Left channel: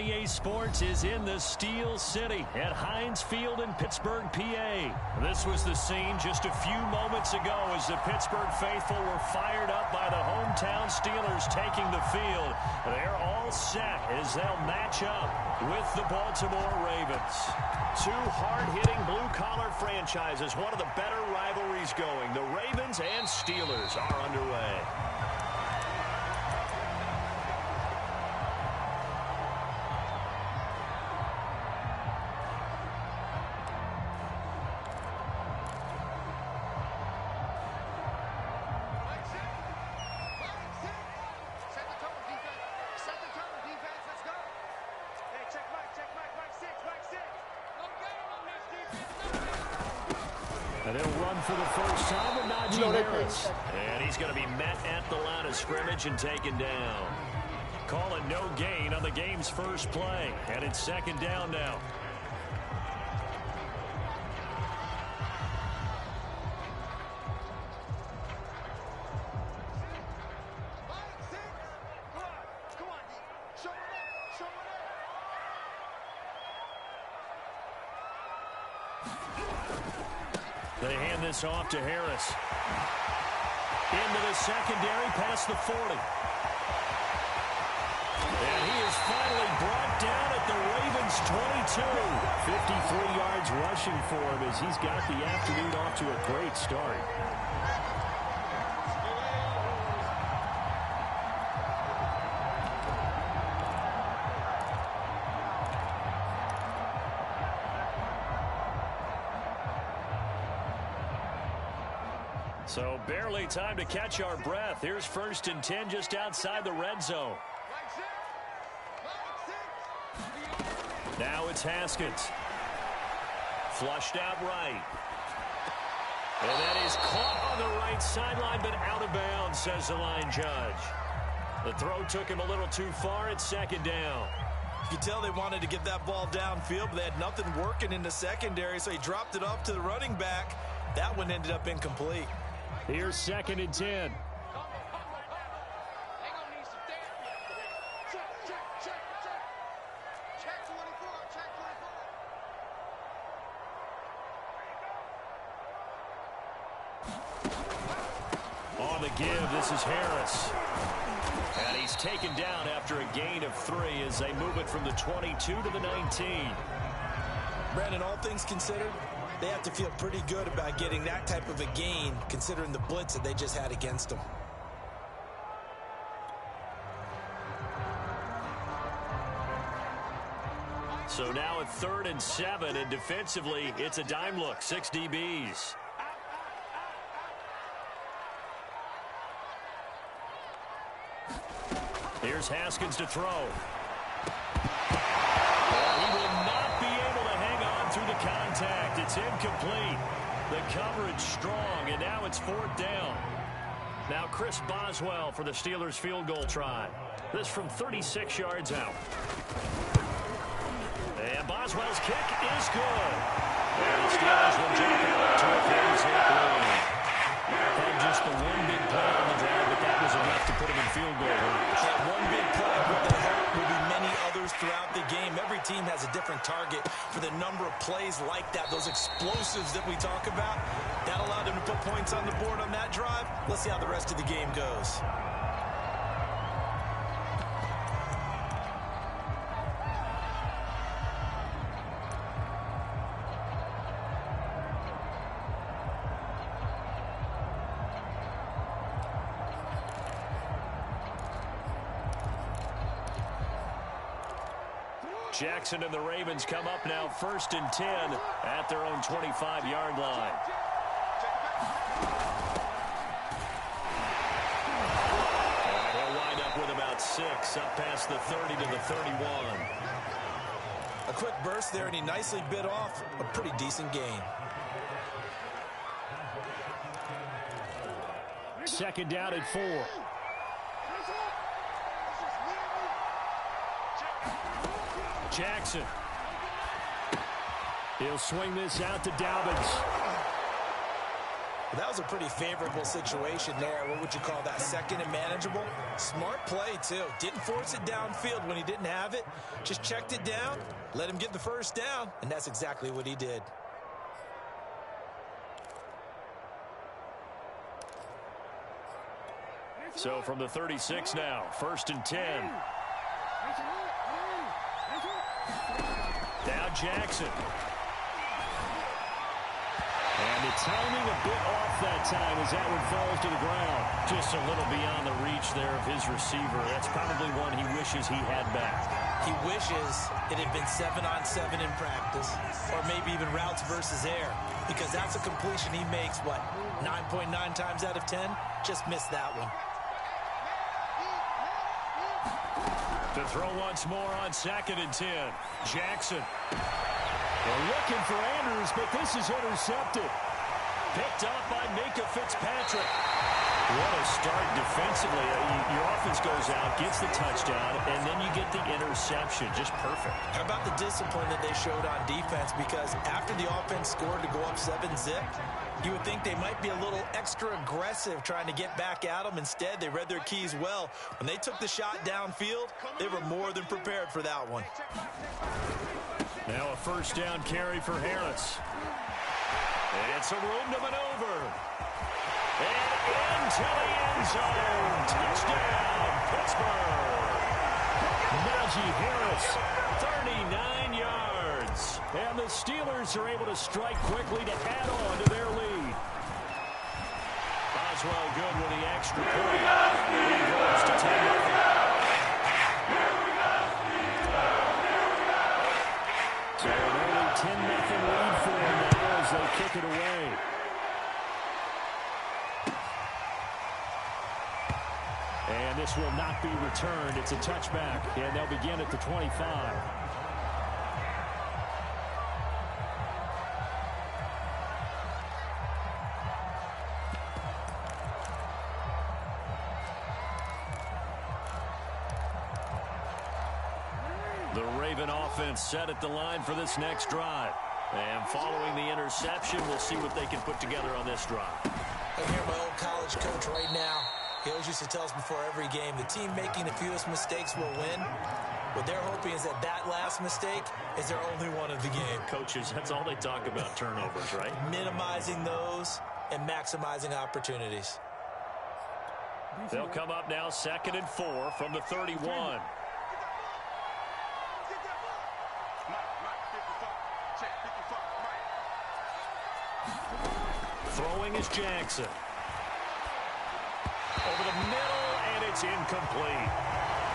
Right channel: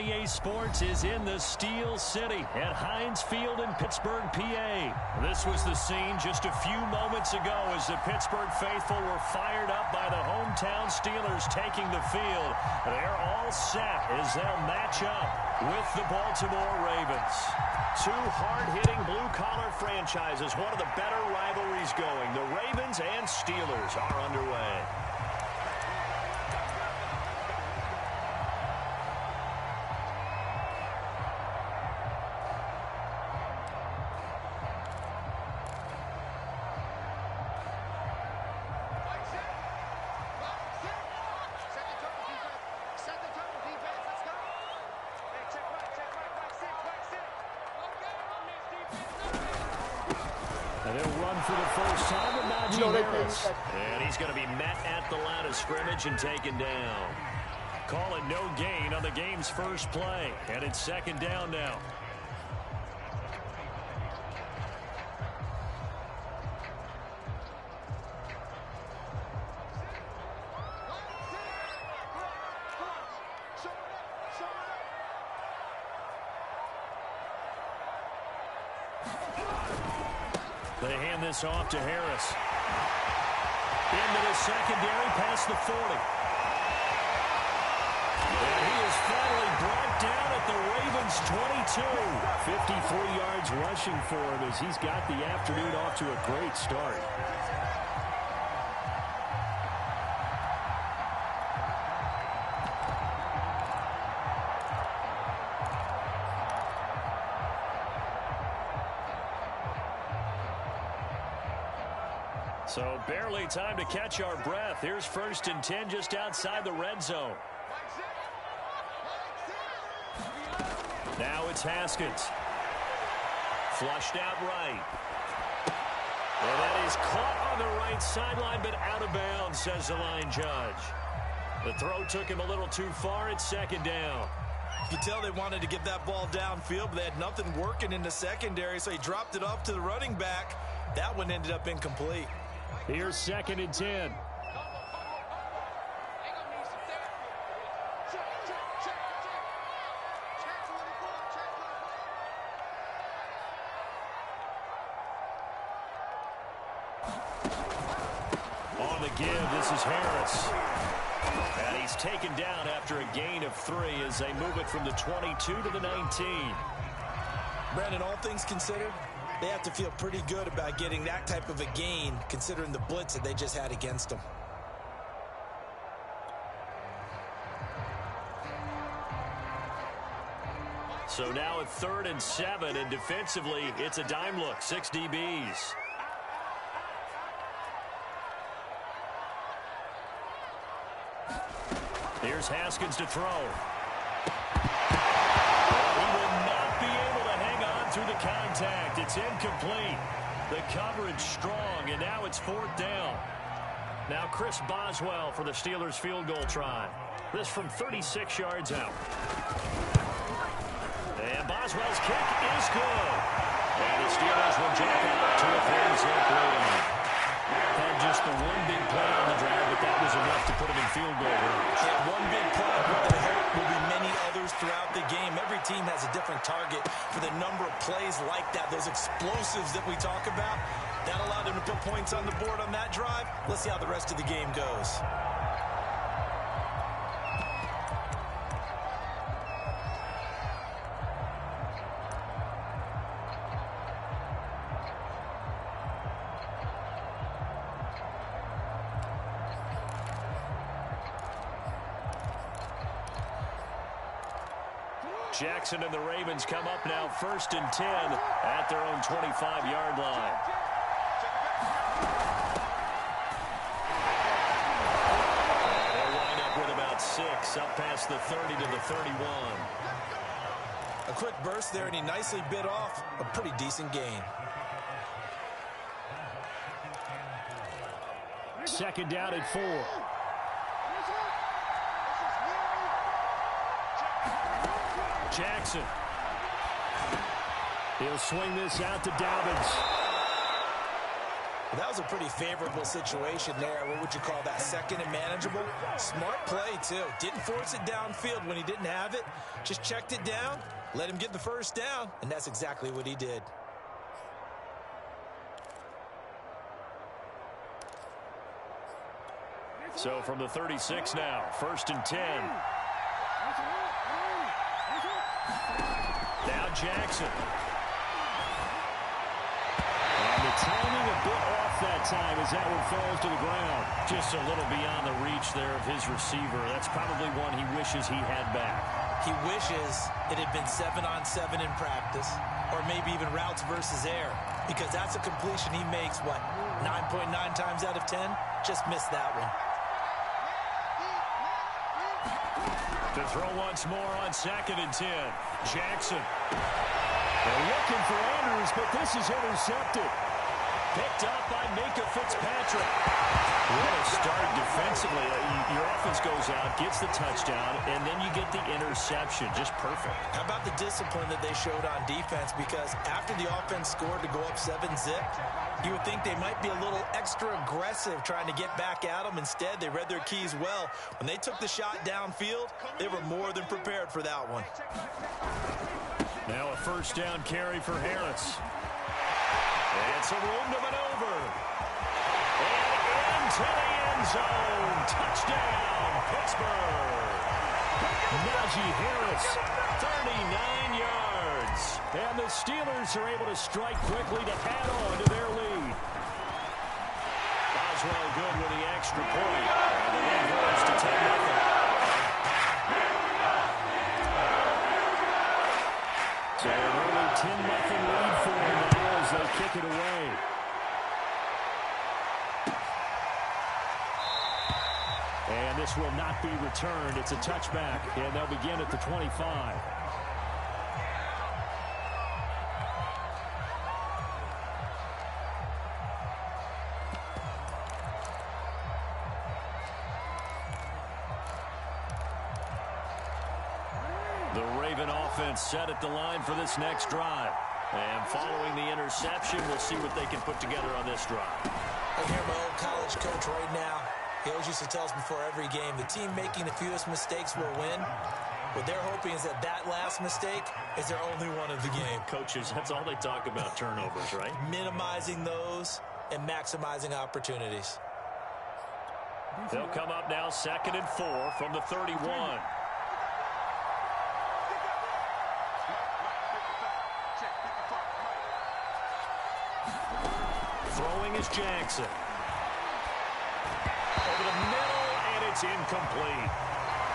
EA Sports is in the Steel City at Heinz Field in Pittsburgh, PA. This was the scene just a few moments ago as the Pittsburgh faithful were fired up by the hometown Steelers taking the field. They're all set as they'll match up with the Baltimore Ravens. Two hard-hitting blue-collar franchises, one of the better rivalries going. The Ravens and Steelers are underway. And they'll run for the first time with Najee Harris. And he's going to be met at the line of scrimmage and taken down. Call it no gain on the game's first play. And it's second down now. They hand this off to Harris. Into the secondary, past the 40. And he is finally brought down at the Ravens' 22. 53 yards rushing for him as he's got the afternoon off to a great start. So barely time to catch our breath. Here's 1st and 10 just outside the red zone. Now it's Haskins. Flushed out right. And that is caught on the right sideline, but out of bounds, says the line judge. The throw took him a little too far. It's second down. You could tell they wanted to get that ball downfield, but they had nothing working in the secondary, so he dropped it off to the running back. That one ended up incomplete. Here's 2nd and 10. On the give, this is Harris. And he's taken down after a gain of 3 as they move it from the 22 to the 19. Brandon, all things considered, they have to feel pretty good about getting that type of a gain, considering the blitz that they just had against them. So now a 3rd and 7, and defensively, it's a dime look, 6 DBs. Here's Haskins to throw. He will not be able to hang on through the contact. It's incomplete. The coverage strong, and now it's 4th down. Now Chris Boswell for the Steelers field goal try. This from 36 yards out. And Boswell's kick is good. And the Steelers will jump out to a 3-zip lead. Had just the one big play on the drive, but that was enough to put him in field goal range. Yeah, one big play, but there will be many others throughout the game. Every team has a different target for the number of plays like that, those explosives that we talk about. That allowed them to put points on the board on that drive. Let's see how the rest of the game goes. Jackson and the Ravens come up now 1st and 10 at their own 25-yard line. And he'll wind up with about 6 up past the 30 to the 31. A quick burst there, and he nicely bit off a pretty decent gain. 2nd down and 4. Jackson. He'll swing this out to Dobbins. Well, that was a pretty favorable situation there. What would you call that? Second and manageable? Smart play, too. Didn't force it downfield when he didn't have it. Just checked it down, let him get the first down, and that's exactly what he did. So from the 36 now, 1st and 10. Now Jackson. And the timing a bit off that time as that one falls to the ground. Just a little beyond the reach there of his receiver. That's probably one he wishes he had back. He wishes it had been 7-on-7 in practice, or maybe even routes versus air, because that's a completion he makes, what, 9.9 times out of 10? Just missed that one. To throw once more on 2nd and 10. Jackson. They're looking for Andrews, but this is intercepted. Picked up by Micah Fitzpatrick. What a start defensively. Your offense goes out, gets the touchdown, and then you get the interception. Just perfect. How about the discipline that they showed on defense? Because after the offense scored to go up 7-zip, you would think they might be a little extra aggressive trying to get back at them. Instead, they read their keys well. When they took the shot downfield, they were more than prepared for that one. Now a 1st down carry for Harris. And some room to maneuver. And into the end zone. Touchdown, Pittsburgh. Najee Harris, 39 yards. And the Steelers are able to strike quickly to add on to their lead. Boswell good with the extra point. And the lead grows to 10-0. So an early 10-0 lead for them now as they kick it away. And this will not be returned. It's a touchback, and they'll begin at the 25. The Raven offense set at the line for this next drive. And following the interception, we'll see what they can put together on this drive. I hear my old college coach right now. He always used to tell us before every game, the team making the fewest mistakes will win. What they're hoping is that that last mistake is their only one of the game. Coaches, that's all they talk about, turnovers, right? Minimizing those and maximizing opportunities. They'll come up now 2nd and 4 from the 31. Throwing is Jackson. Over the middle, and it's incomplete.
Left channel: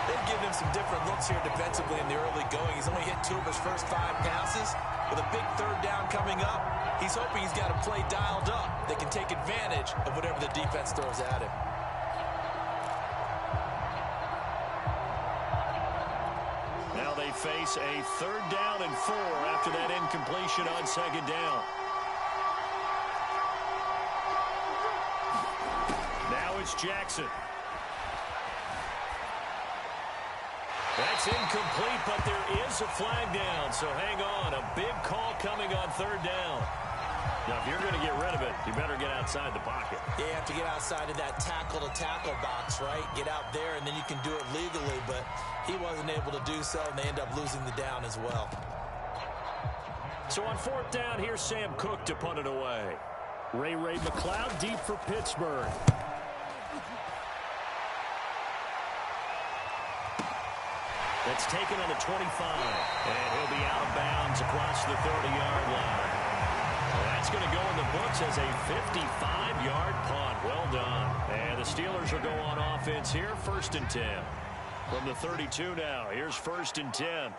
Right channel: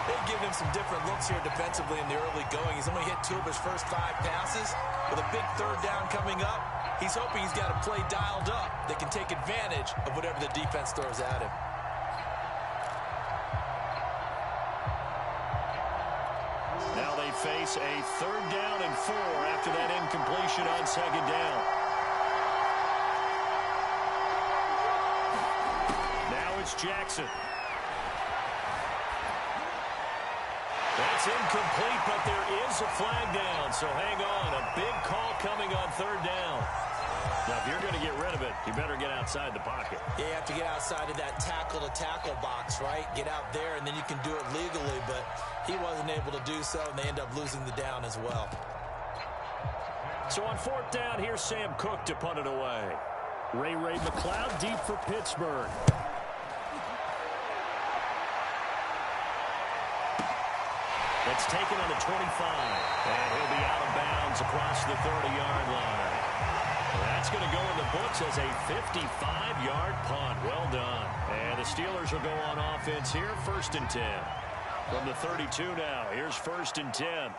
They've given him some different looks here defensively in the early going. He's only hit 2 of his first 5 passes. With a big 3rd down coming up, he's hoping he's got a play dialed up that can take advantage of whatever the defense throws at him. Now they face a 3rd down and 4 after that incompletion on 2nd down. Now it's Jackson. That's incomplete, but there is a flag down, so hang on. A big call coming on 3rd down. Now, if you're going to get rid of it, you better get outside the pocket. Yeah, you have to get outside of that tackle-to-tackle box, right? Get out there, and then you can do it legally, but he wasn't able to do so, and they end up losing the down as well. So on 4th down, here's Sam Cook to punt it away. Ray McLeod deep for Pittsburgh. That's taken on the 25, and he'll be out of bounds across the 30-yard line. That's going to go in the books as a 55-yard punt. Well done. And the Steelers will go on offense here, 1st and 10. From the 32 now, here's 1st and 10.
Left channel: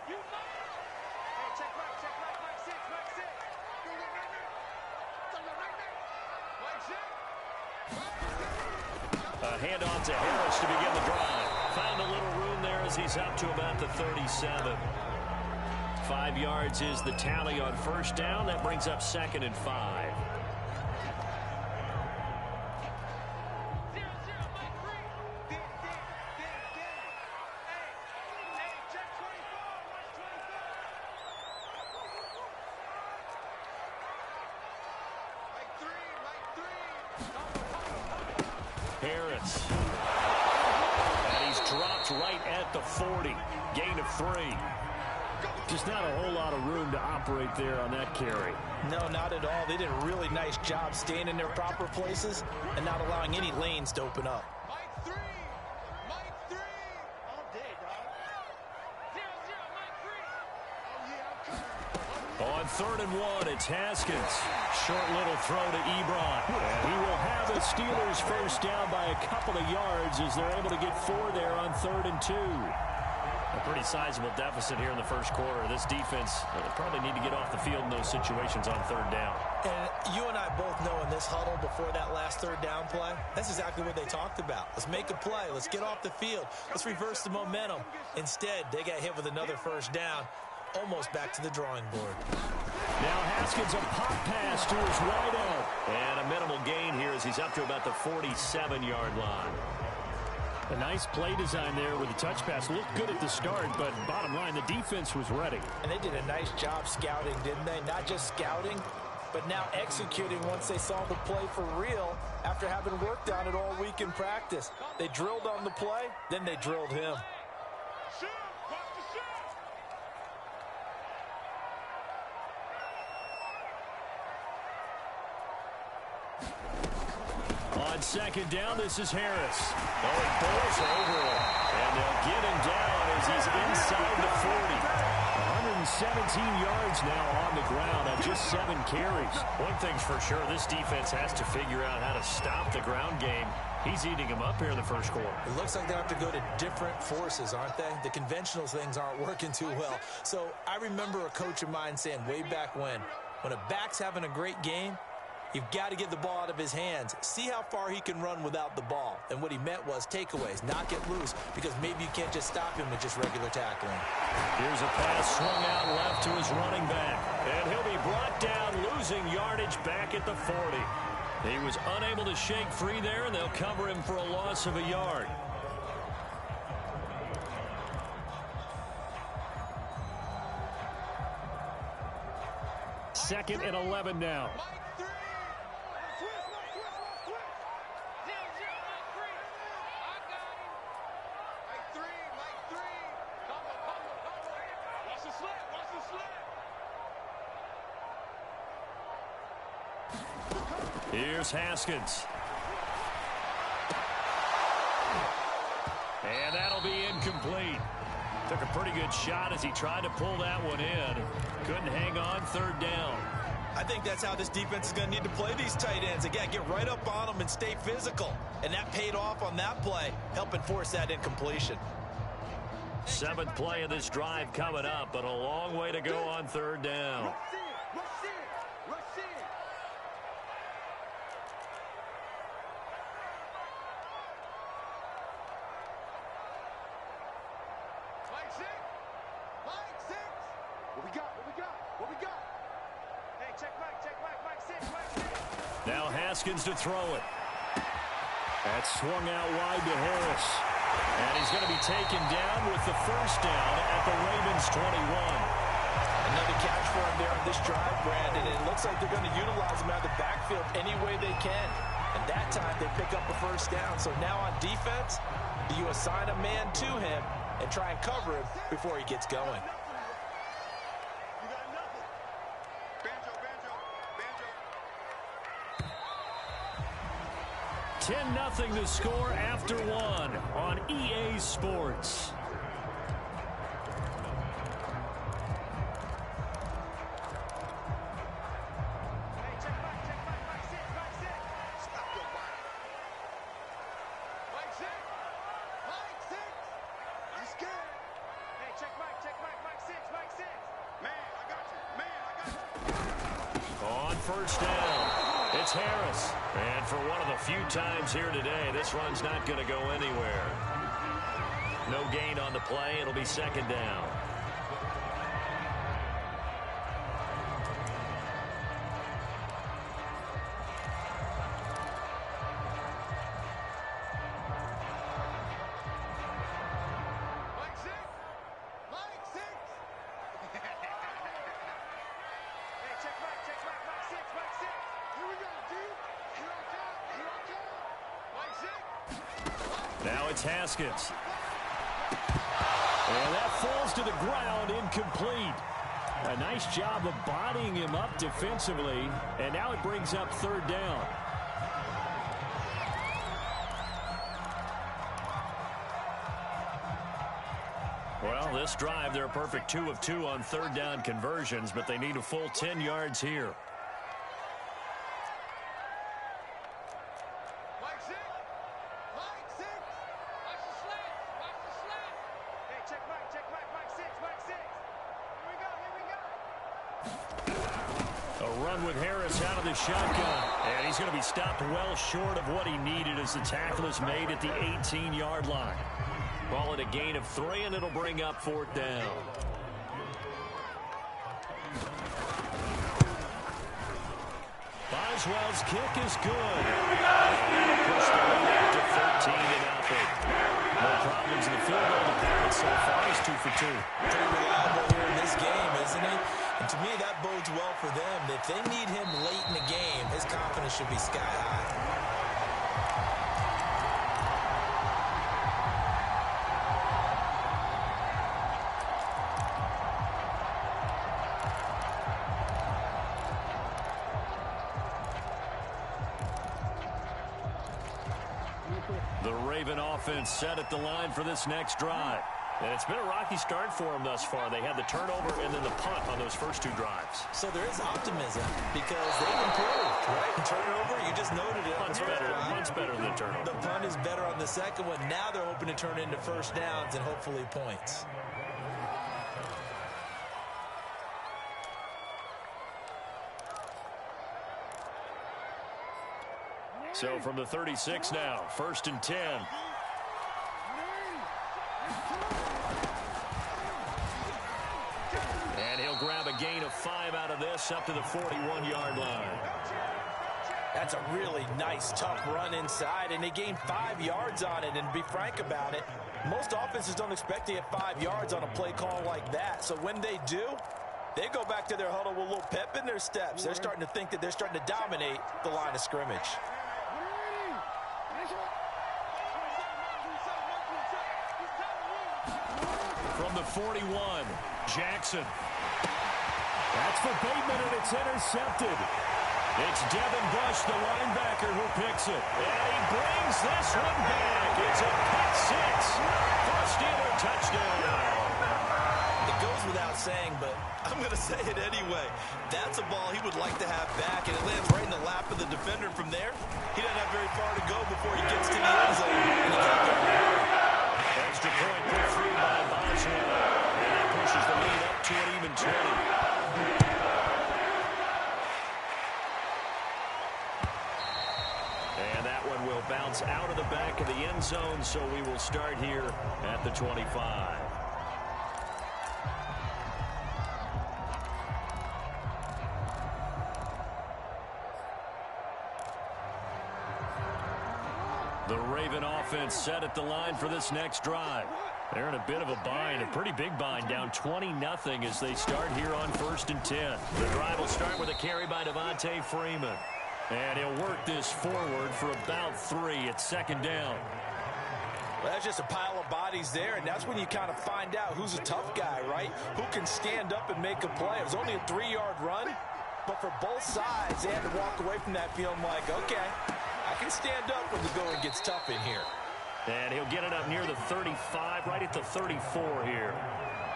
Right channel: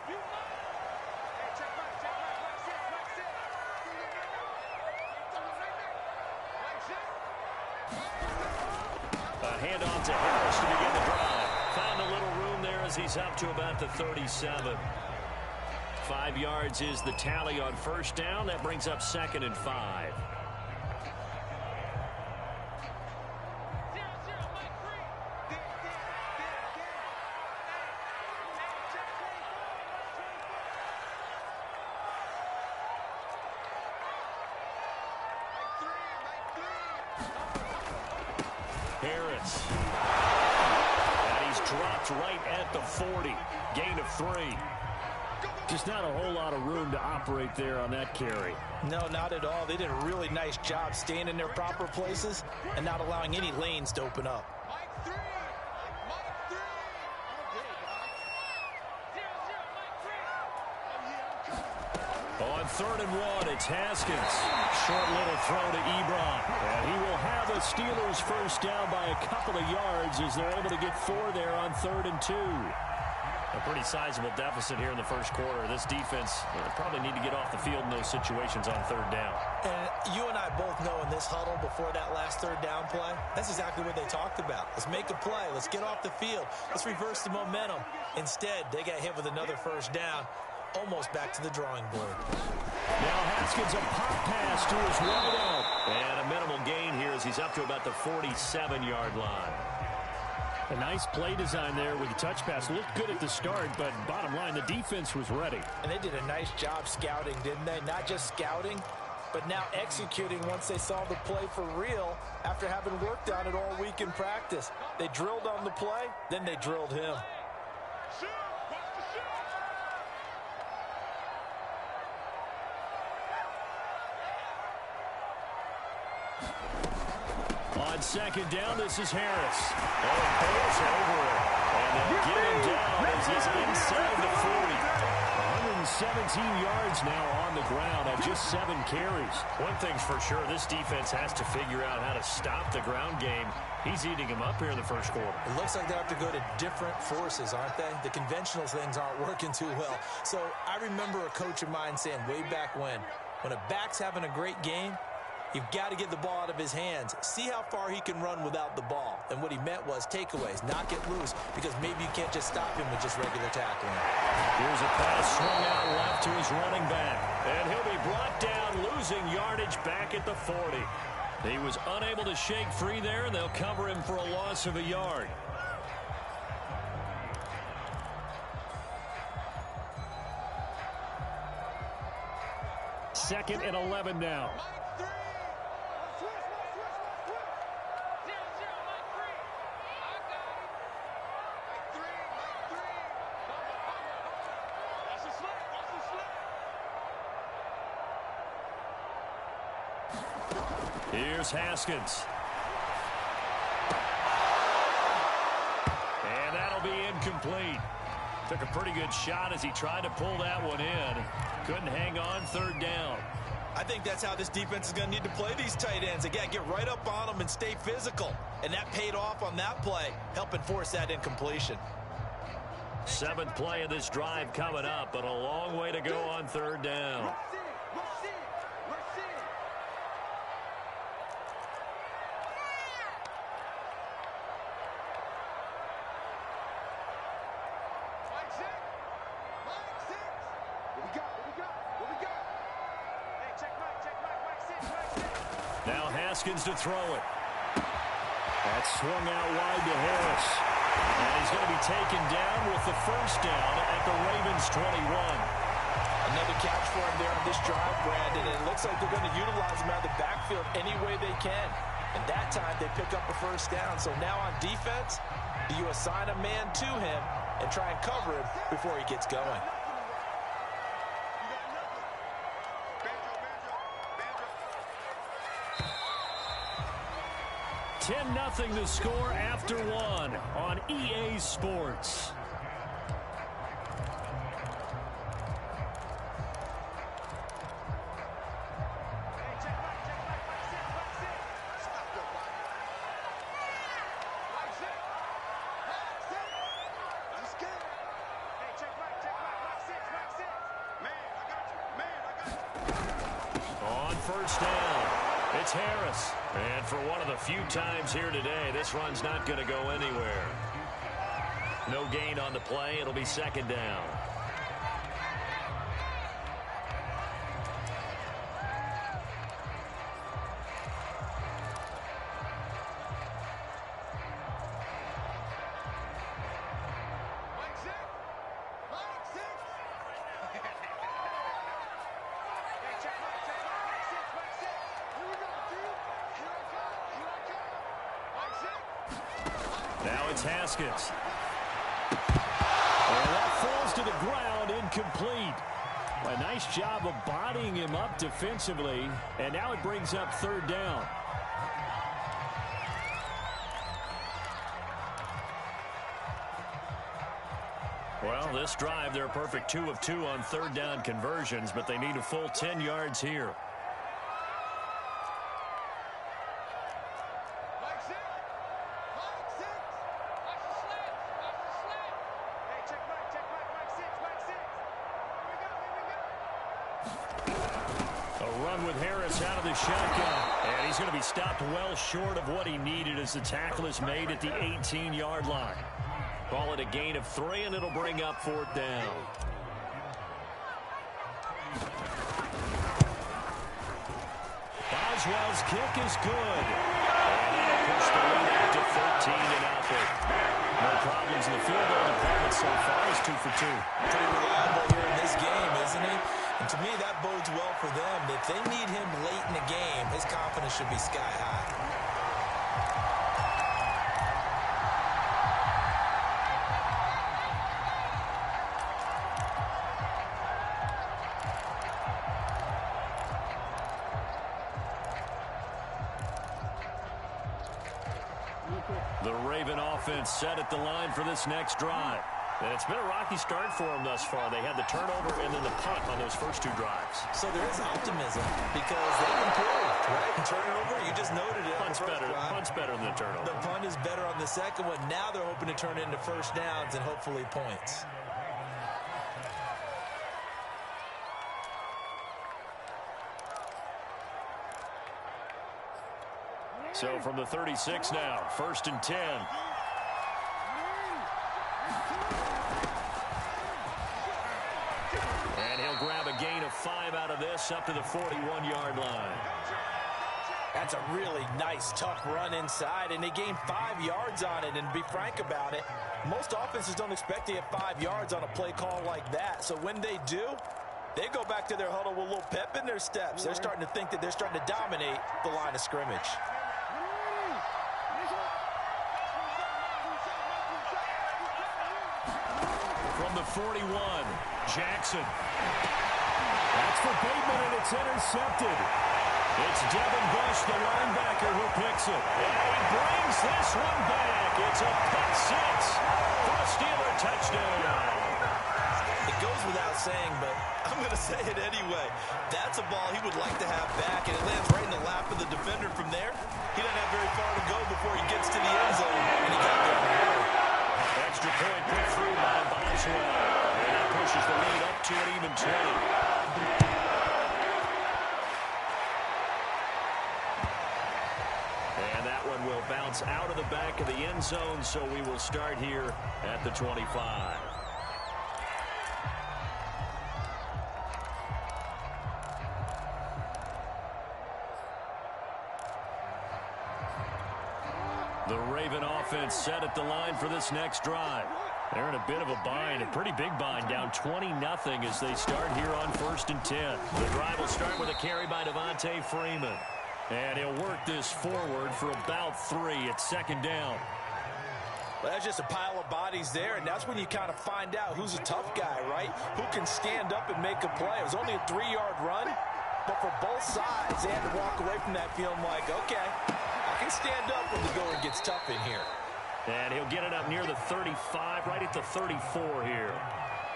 A handoff to Harris to begin the drive. Found a little room there as he's up to about the 37. 5 yards is the tally on 1st down. That brings up 2nd and 5. Harris. And he's dropped right at the 40. Gain of 3. Just not a whole lot of room to operate there on that carry. No, not at all. They did a really nice job staying in their proper places and not allowing any lanes to open up. Mike 3. Mike 3. All day, dog. 0-0, Mike 3. Oh, yeah, I'm coming. On 3rd and 1, it's Haskins. Short little throw to Ebron. And he will have the Steelers first down by a couple of yards as they're able to get 4 there on 3rd and 2. A pretty sizable deficit here in the first quarter. This defense probably need to get off the field in those situations on 3rd down. And you and I both know in this huddle before that last 3rd down play, that's exactly what they talked about. Let's make a play. Let's get off the field. Let's reverse the momentum. Instead, they got hit with another 1st down, almost back to the drawing board. Now Haskins, a pop pass to his wideout. And a minimal gain here as he's up to about the 47-yard line. A nice play design there with the touch pass. Looked good at the start, but bottom line, the defense was ready. And they did a nice job scouting, didn't they? Not just scouting, but now executing once they saw the play for real after having worked on it all week in practice. They drilled on the play, then they drilled him. Shoot. Watch the shoot. On 2nd down, this is Harris. Oh, he pulls over him. And they'll get him down as he's inside the 40. 117 yards now on the ground on just 7 carries. One thing's for sure, this defense has to figure out how to stop the ground game. He's eating him up here in the first quarter. It looks like they have to go to different forces, aren't they? The conventional things aren't working too well. So I remember a coach of mine saying way back when a back's having a great game, you've got to get the ball out of his hands. See how far he can run without the ball. And what he meant was takeaways, knock it loose, because maybe you can't just stop him with just regular tackling. Here's a pass swung out left to his running back. And he'll be brought down, losing yardage back at the 40. He was unable to shake free there, and they'll cover him for a loss of a yard. Second and 11 now. Mike 3. Switch. 0-0, Mike 3. I got him. Mike 3. Mike 3. Combo. Watch the slip. Here's Haskins. And that'll be incomplete. Took a pretty good shot as he tried to pull that one in. Couldn't hang on 3rd down. I think that's how this defense is going to need to play these tight ends. They got to get right up on them and stay physical. And that paid off on that play, helping force that incompletion. 7th play of this drive coming up, but a long way to go on 3rd down. Rush in. Mike 6. What we got? Hey, check Mike. Mike 6. Now Haskins to throw it. That's swung out wide to Harris. And he's going to be taken down with the 1st down at the Ravens 21. Another catch for him there on this drive, Brandon. And it looks like they're going to utilize him out of the backfield any way they can. And that time they pick up a 1st down. So now on defense, do you assign a man to him and try and cover him before he gets going? 10-0 the score after 1 on EA Sports. Hey, check Mike 6. Stop your body. Mike 6. You scared? Hey, check Mike 6. Man, I got you. On 1st down, it's Harris. And for one of the few times here today, this run's not going to go anywhere. No gain on the play. It'll be 2nd down. Mike 6. Hey, check Mike 6. Here we go, dude. Here I come. Mike 6. Now it's Haskins. And that falls to the ground, incomplete. A nice job of bodying him up defensively, and now it brings up third down. Well, this drive, they're a perfect 2 of 2 on third down conversions, but they need a full 10 yards here. Mike 6. Mike 6. Watch the slant. Watch the slant. Hey, check Mike. Check Mike. Mike 6. Mike 6. Here we go. Here we go. A run with Harris out of the shotgun. And he's going to be stopped well short of what he needed as the tackle is made at the 18-yard line. Call it a gain of 3, and it'll bring up fourth down. Boswell's kick is good. And that'll push the lead out to 13-0. No problems in the field goal department so far. He's 2 for 2. Pretty reliable here in this game, isn't he? And to me, that bodes well for them. If they need him late in the game, his confidence should be sky high. The Raven offense set at the line for this next drive. And it's been a rocky start for them thus far. They had the turnover and then the punt on those first 2 drives. So there is optimism because they've improved, right? Turnover, you just noted it. Punt's better than the turnover. The punt is better on the second one. Now they're hoping to turn it into first downs and hopefully points. So from the 36 now, 1st and 10. And he'll grab a gain of 5 out of this up to the 41-yard line. That's a really nice, tough run inside, and they gained 5 yards on it. And to be frank about it, most offenses don't expect to get 5 yards on a play call like that. So when they do, they go back to their huddle with a little pep in their steps. They're starting to think that they're starting to dominate the line of scrimmage. From the 41, Jackson. That's for Bateman, and it's intercepted. It's Devin Bush, the linebacker, who picks it. And he brings this one back. It's a pick 6 for a Steeler touchdown. It goes without saying, but I'm going to say it anyway. That's a ball he would like to have back, and it lands right in the lap of the defender from there. He doesn't have very far to go before he gets to the end zone, and he got there. Extra point put through by Boswell. And that pushes the lead up to an even 20. And that one will bounce out of the back of the end zone, so we will start here at the 25. The Raven offense set at the line for this next drive. They're in a bit of a bind, a pretty big bind, down 20-0 as they start here on 1st and 10. The drive will start with a carry by Devontae Freeman. And he'll work this forward for about 3 at 2nd down. Well, that's just a pile of bodies there, and that's when you kind of find out who's a tough guy, right? Who can stand up and make a play. It was only a 3-yard run, but for both sides, they had to walk away from that feeling like, okay, I can stand up when the going gets tough in here. And he'll get it up near the 35, right at the 34 here.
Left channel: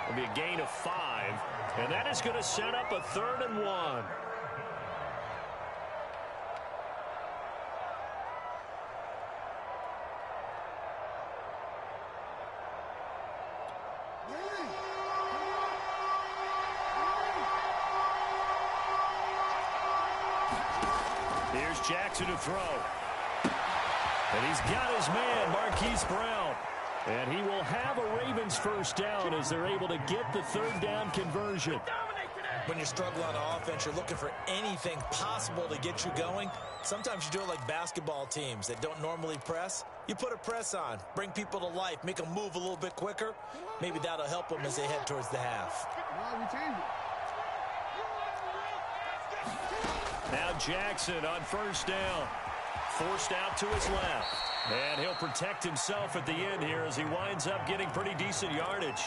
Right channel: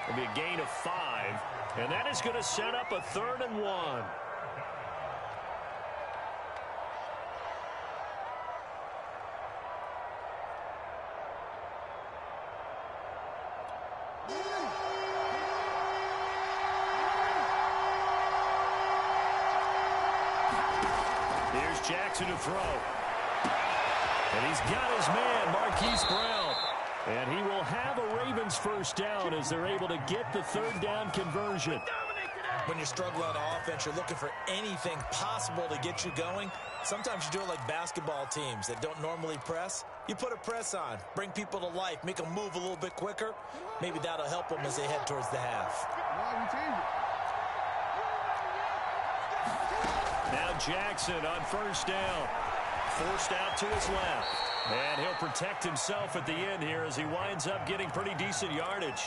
It'll be a gain of 5, and that is going to set up a 3rd and 1. Here's Jackson to throw. And he's got his man, Marquise Brown. And he will have a Ravens first down as they're able to get the 3rd down conversion. When you're struggling on offense, you're looking for anything possible to get you going. Sometimes you do it like basketball teams that don't normally press. You put a press on, bring people to life, make them move a little bit quicker. Maybe that'll help them as they head towards the half. Now Jackson on 1st down. Forced out to his left. And he'll protect himself at the end here as he winds up getting pretty decent yardage.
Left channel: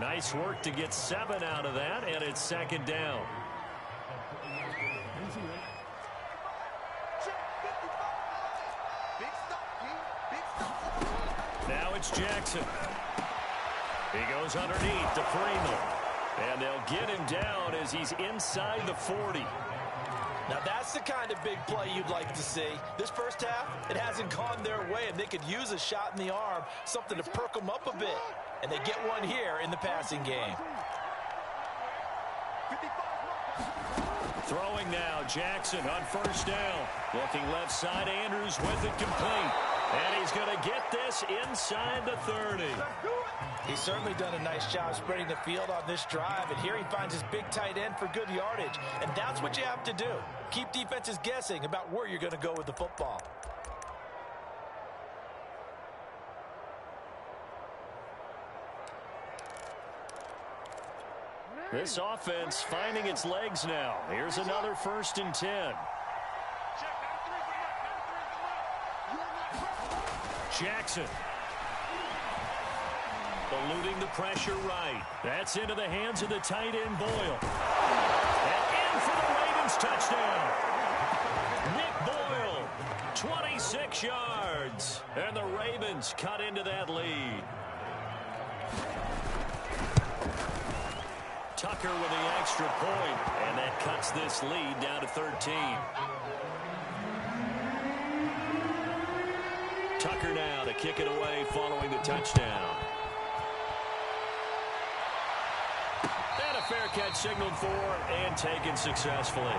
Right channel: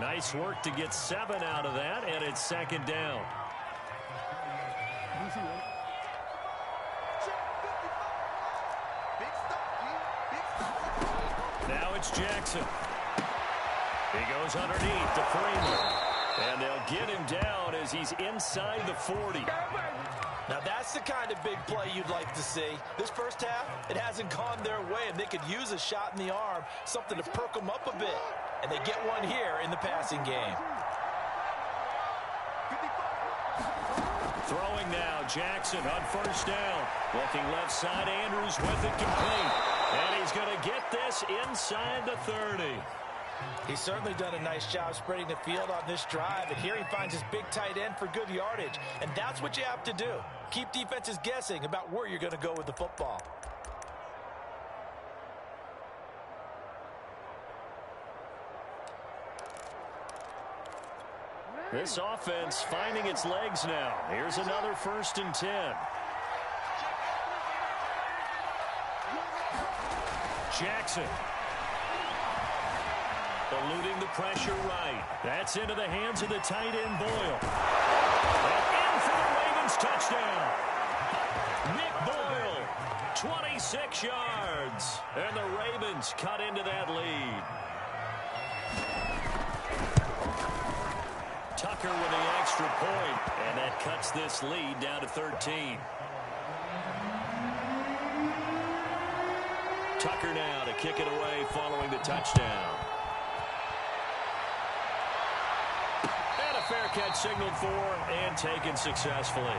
Nice work to get 7 out of that, and it's second down. Now it's Jackson. He goes underneath to Freeman. And they'll get him down as he's inside the 40. Now that's the kind of big play you'd like to see. This first half, it hasn't gone their way, and they could use a shot in the arm, something to perk them up a bit. And they get one here in the passing game. Throwing now, Jackson on first down. Looking left side, Andrews with it complete. And he's going to get this inside the 30. He's certainly done a nice job spreading the field on this drive, and here he finds his big tight end for good yardage. And that's what you have to do. Keep defenses guessing about where you're going to go with the football. This offense finding its legs now. Here's another 1st and 10. Jackson. Eluding the pressure right. That's into the hands of the tight end, Boyle. And in for the Ravens touchdown. Nick Boyle, 26 yards. And the Ravens cut into that lead. Tucker with the extra point, and that cuts this lead down to 13. Tucker now to kick it away following the touchdown. And a fair catch signaled for and taken successfully.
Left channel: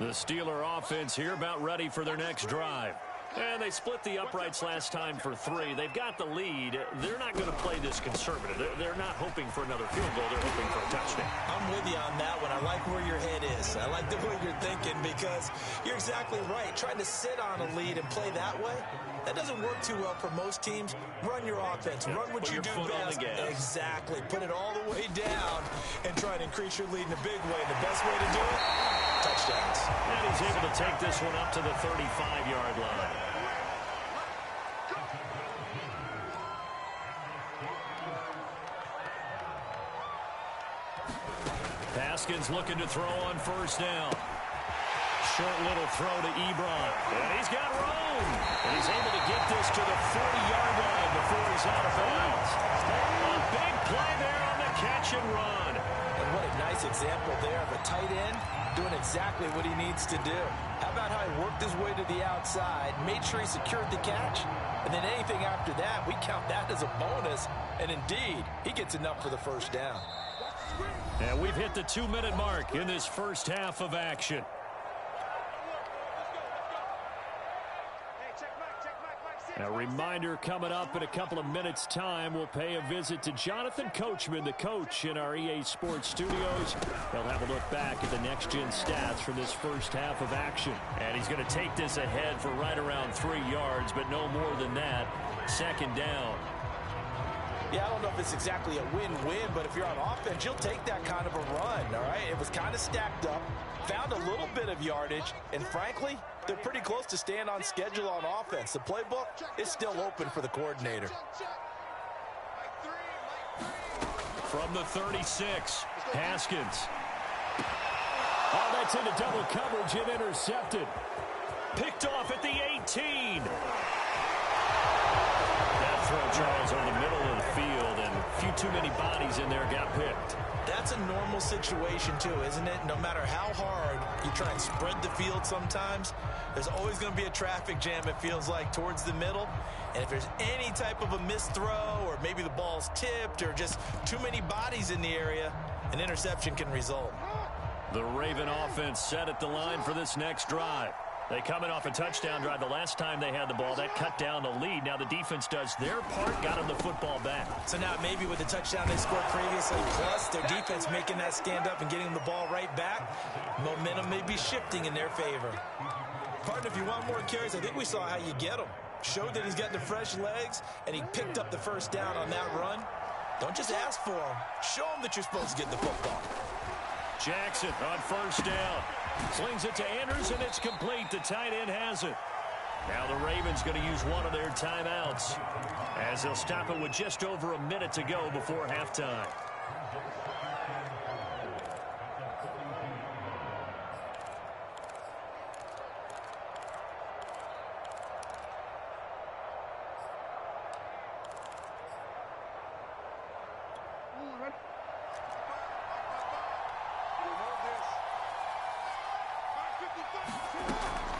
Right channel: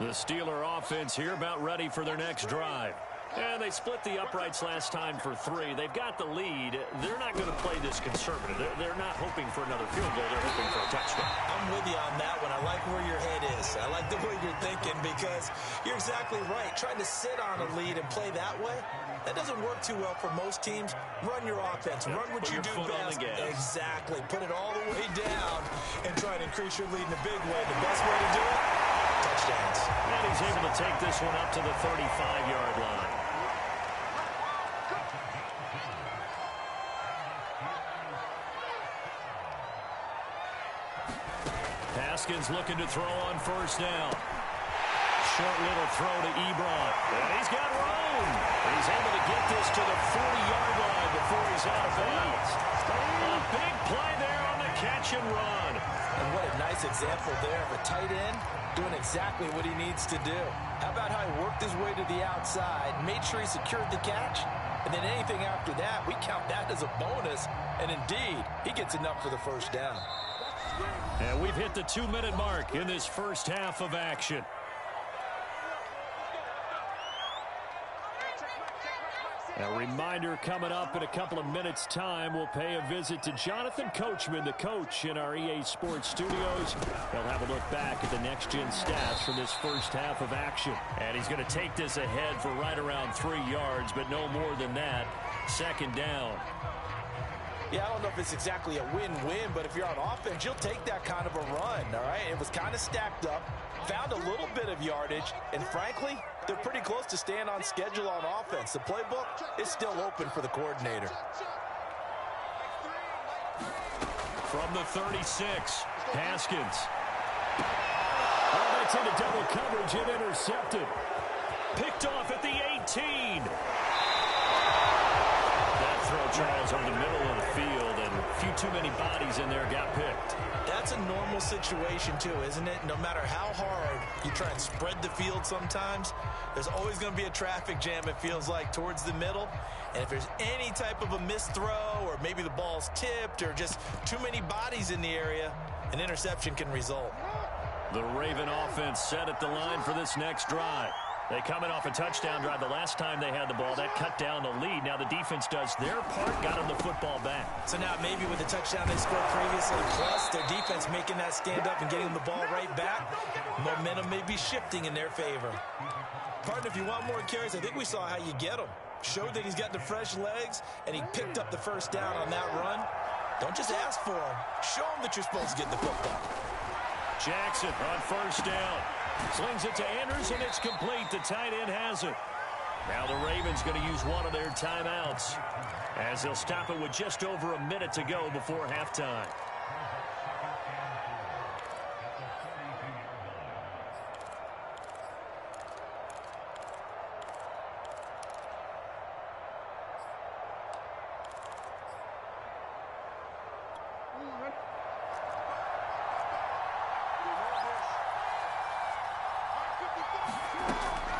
The Steeler offense here about ready for their next drive. And they split the uprights last time for 3. They've got the lead. They're not going to play this conservative. They're not hoping for another field goal. They're hoping for a touchdown. I'm with you on that one. I like where your head is. I like the way you're thinking because you're exactly right. Trying to sit on a lead and play that way, that doesn't work too well for most teams. Run your offense. Run what you do best. Exactly. Put it all the way down and try to increase your lead in a big way. The best way to do it, touchdowns. And he's able to take this one up to the 35-yard line. Haskins looking to throw on first down. Short little throw to Ebron. And he's got room. And he's able to get this to the 40-yard line before he's out of bounds. A big play there on the catch and run. And what a nice example there of a tight end doing exactly what he needs to do. How about how he worked his way to the outside, made sure he secured the catch, and then anything after that, we count that as a bonus. And indeed, he gets enough for the first down. And we've hit the 2-minute mark in this first half of action. A reminder coming up in a couple of minutes' time. We'll pay a visit to Jonathan Coachman, the coach in our EA Sports studios. He'll have a look back at the next-gen stats from this first half of action. And he's going to take this ahead for right around 3 yards, but no more than that. Second down. Yeah, I don't know if it's exactly a win-win, but if you're on offense, you'll take that kind of a run, all right? It was kind of stacked up, found a little bit of yardage, and frankly, they're pretty close to staying on schedule on offense. The playbook is still open for the coordinator. From the 36, Haskins. Oh, that's into double coverage and intercepted. Picked off at the 18. That throw, Charles, on the middle of the field, and a few too many bodies in there got picked. That's a normal situation, too, isn't it? No matter how hard you try and spread the field sometimes, there's always going to be a traffic jam, it feels like, towards the middle. And if there's any type of a missed throw or maybe the ball's tipped or just too many bodies in the area, an interception can result. The Raven offense set at the line for this next drive. They coming off a touchdown drive the last time they had the ball. That cut down the lead. Now the defense does their part, got them the football back. So now maybe with the touchdown they scored previously, plus their defense making that stand up and getting them the ball right back, momentum may be shifting in their favor. Partner, if you want more carries, I think we saw how you get them. Showed that he's got the fresh legs, and he picked up the first down on that run. Don't just ask for him. Show him that you're supposed to get the football. Jackson on first down. Slings it to Andrews, and it's complete. The tight end has it. Now the Ravens going to use one of their timeouts as they'll stop it with just over a minute to go before halftime.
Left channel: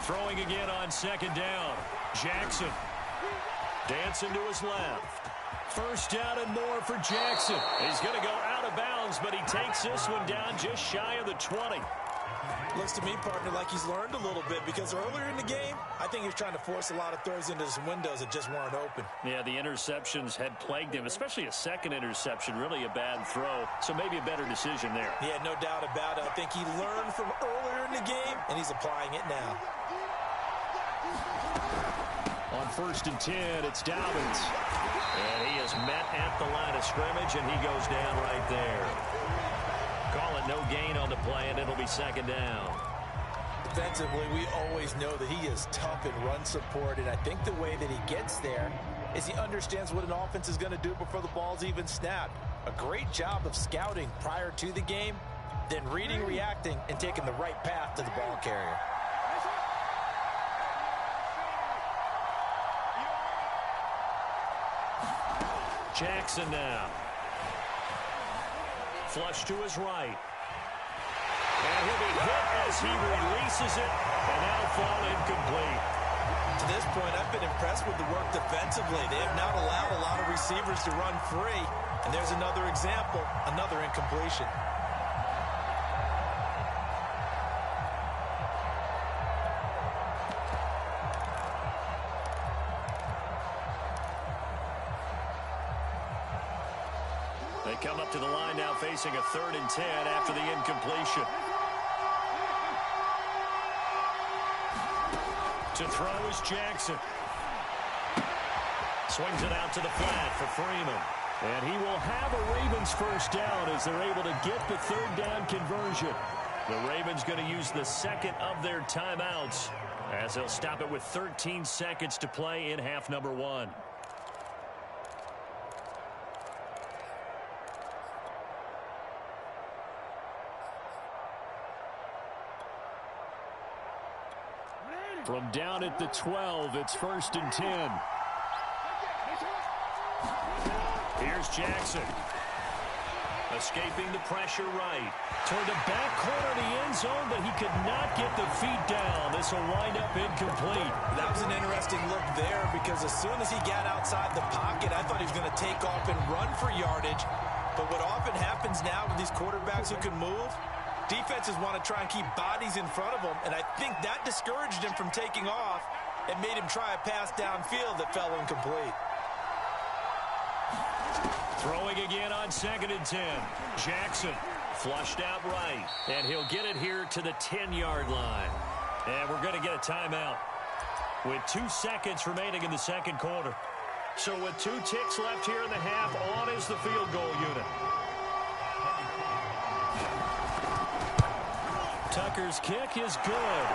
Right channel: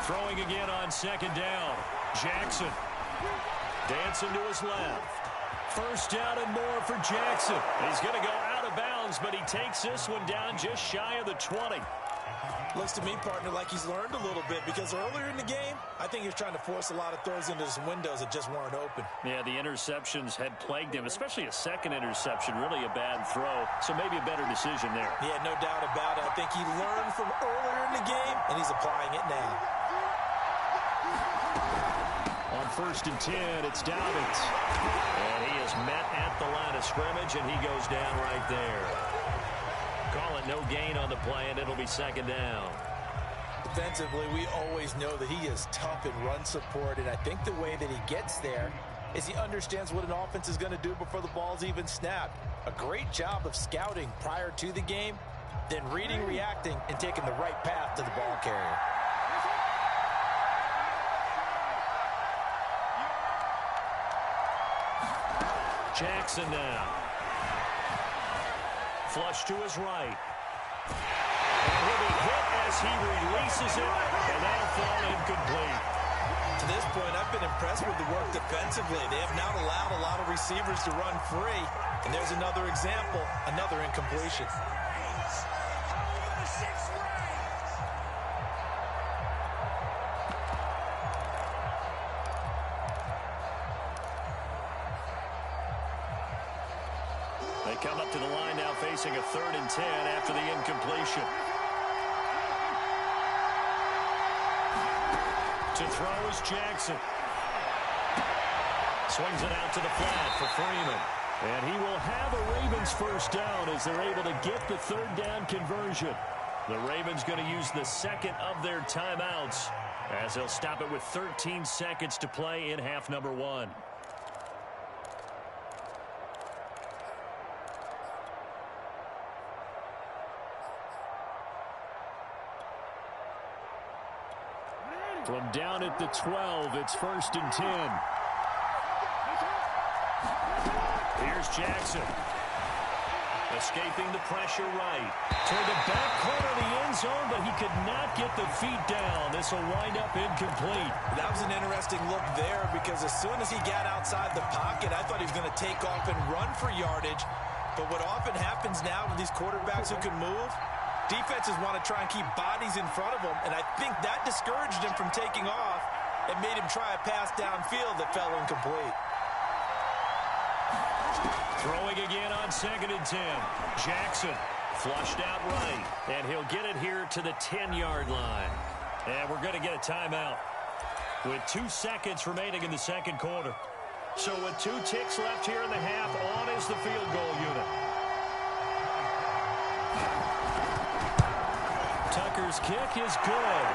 Throwing again on second down. Jackson dancing to his left. First down and more for Jackson. He's going to go out of bounds, but he takes this one down just shy of the 20. Looks to me, partner, like he's learned a little bit, because earlier in the game, I think he was trying to force a lot of throws into some windows that just weren't open. Yeah, the interceptions had plagued him, especially a second interception, really a bad throw. So maybe a better decision there. Yeah, no doubt about it. I think he learned from earlier in the game, and he's applying it now. On 1st and 10, it's Dobbins. And he is met at the line of scrimmage, and he goes down right there. Call it no gain on the play, and it'll be second down. Defensively, we always know that he is tough in run support, and I think the way that he gets there is he understands what an offense is going to do before the ball's even snapped. A great job of scouting prior to the game, then reading, reacting, and taking the right path to the ball carrier. Jackson now. Flush to his right. And he'll be hit as he releases it, and that'll fall incomplete. To this point, I've been impressed with the work defensively. They have not allowed a lot of receivers to run free. And there's another example, another incompletion. They come up to the line now facing a 3rd and 10 after the incompletion. To throw is Jackson. Swings it out to the flat for Freeman. And he will have a Ravens first down as they're able to get the 3rd down conversion. The Ravens going to use the second of their timeouts as they'll stop it with 13 seconds to play in half number 1. From down at the 12, it's 1st and 10. Here's Jackson. Escaping the pressure right. Toward the back corner of the end zone, but he could not get the feet down. This will wind up incomplete. That was an interesting look there, because as soon as he got outside the pocket, I thought he was going to take off and run for yardage. But what often happens now with these quarterbacks who can move, defenses want to try and keep bodies in front of them, and I think that discouraged him from taking off and made him try a pass downfield that fell incomplete. Throwing again on 2nd and 10. Jackson flushed out right, and he'll get it here to the 10-yard line. And we're going to get a timeout with 2 seconds remaining in the second quarter. So with 2 ticks left here in the half, on is the field goal unit. Tucker's kick is good,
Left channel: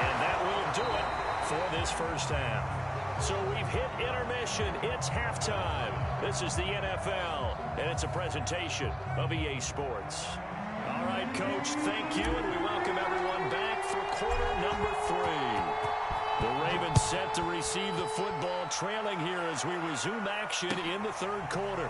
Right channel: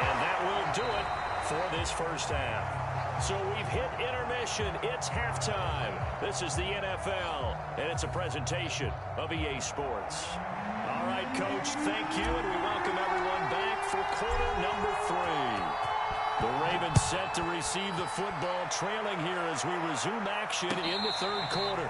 and that will do it for this first half. So we've hit intermission. It's halftime. This is the NFL, and it's a presentation of EA Sports. All right, Coach, thank you, and we welcome everyone back for quarter number 3. The Ravens set to receive the football, trailing here as we resume action in the 3rd quarter.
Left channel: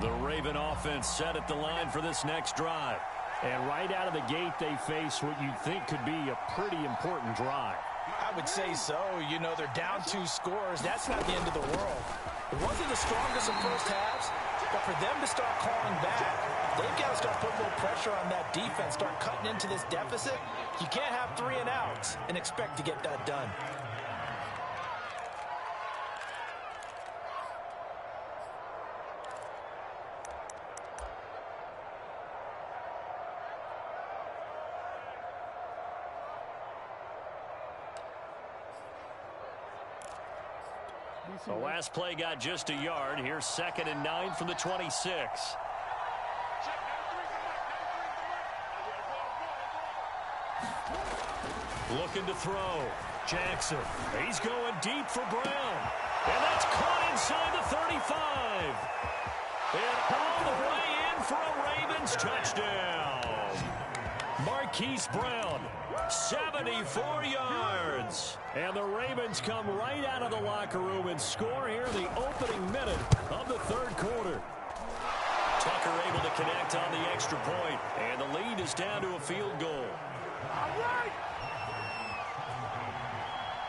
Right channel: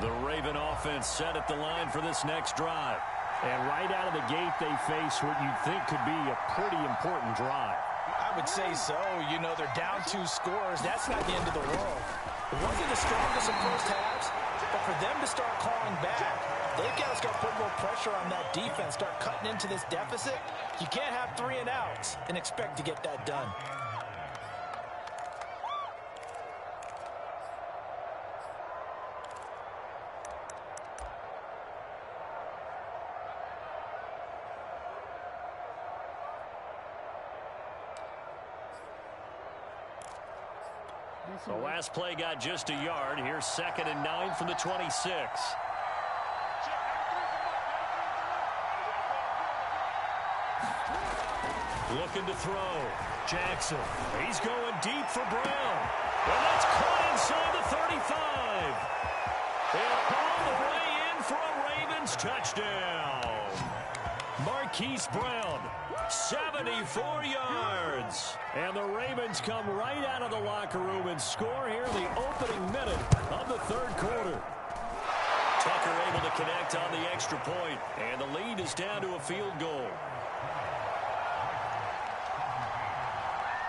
The Raven offense set at the line for this next drive. And right out of the gate, they face what you'd think could be a pretty important drive. I would say so. You know, they're down 2 scores. That's not the end of the world. It wasn't the strongest of first halves, but for them to start calling back, they've got to start putting a little pressure on that defense, start cutting into this deficit. You can't have 3 and outs and expect to get that done. The last play got just a yard. Here's 2nd and 9 from the 26. Looking to throw. Jackson. He's going deep for Brown. And that's caught inside the 35. And all the way in for a Ravens touchdown. Marquise Brown, 74 yards. And the Ravens come right out of the locker room and score here in the opening minute of the 3rd quarter. Tucker able to connect on the extra point, and the lead is down to a field goal.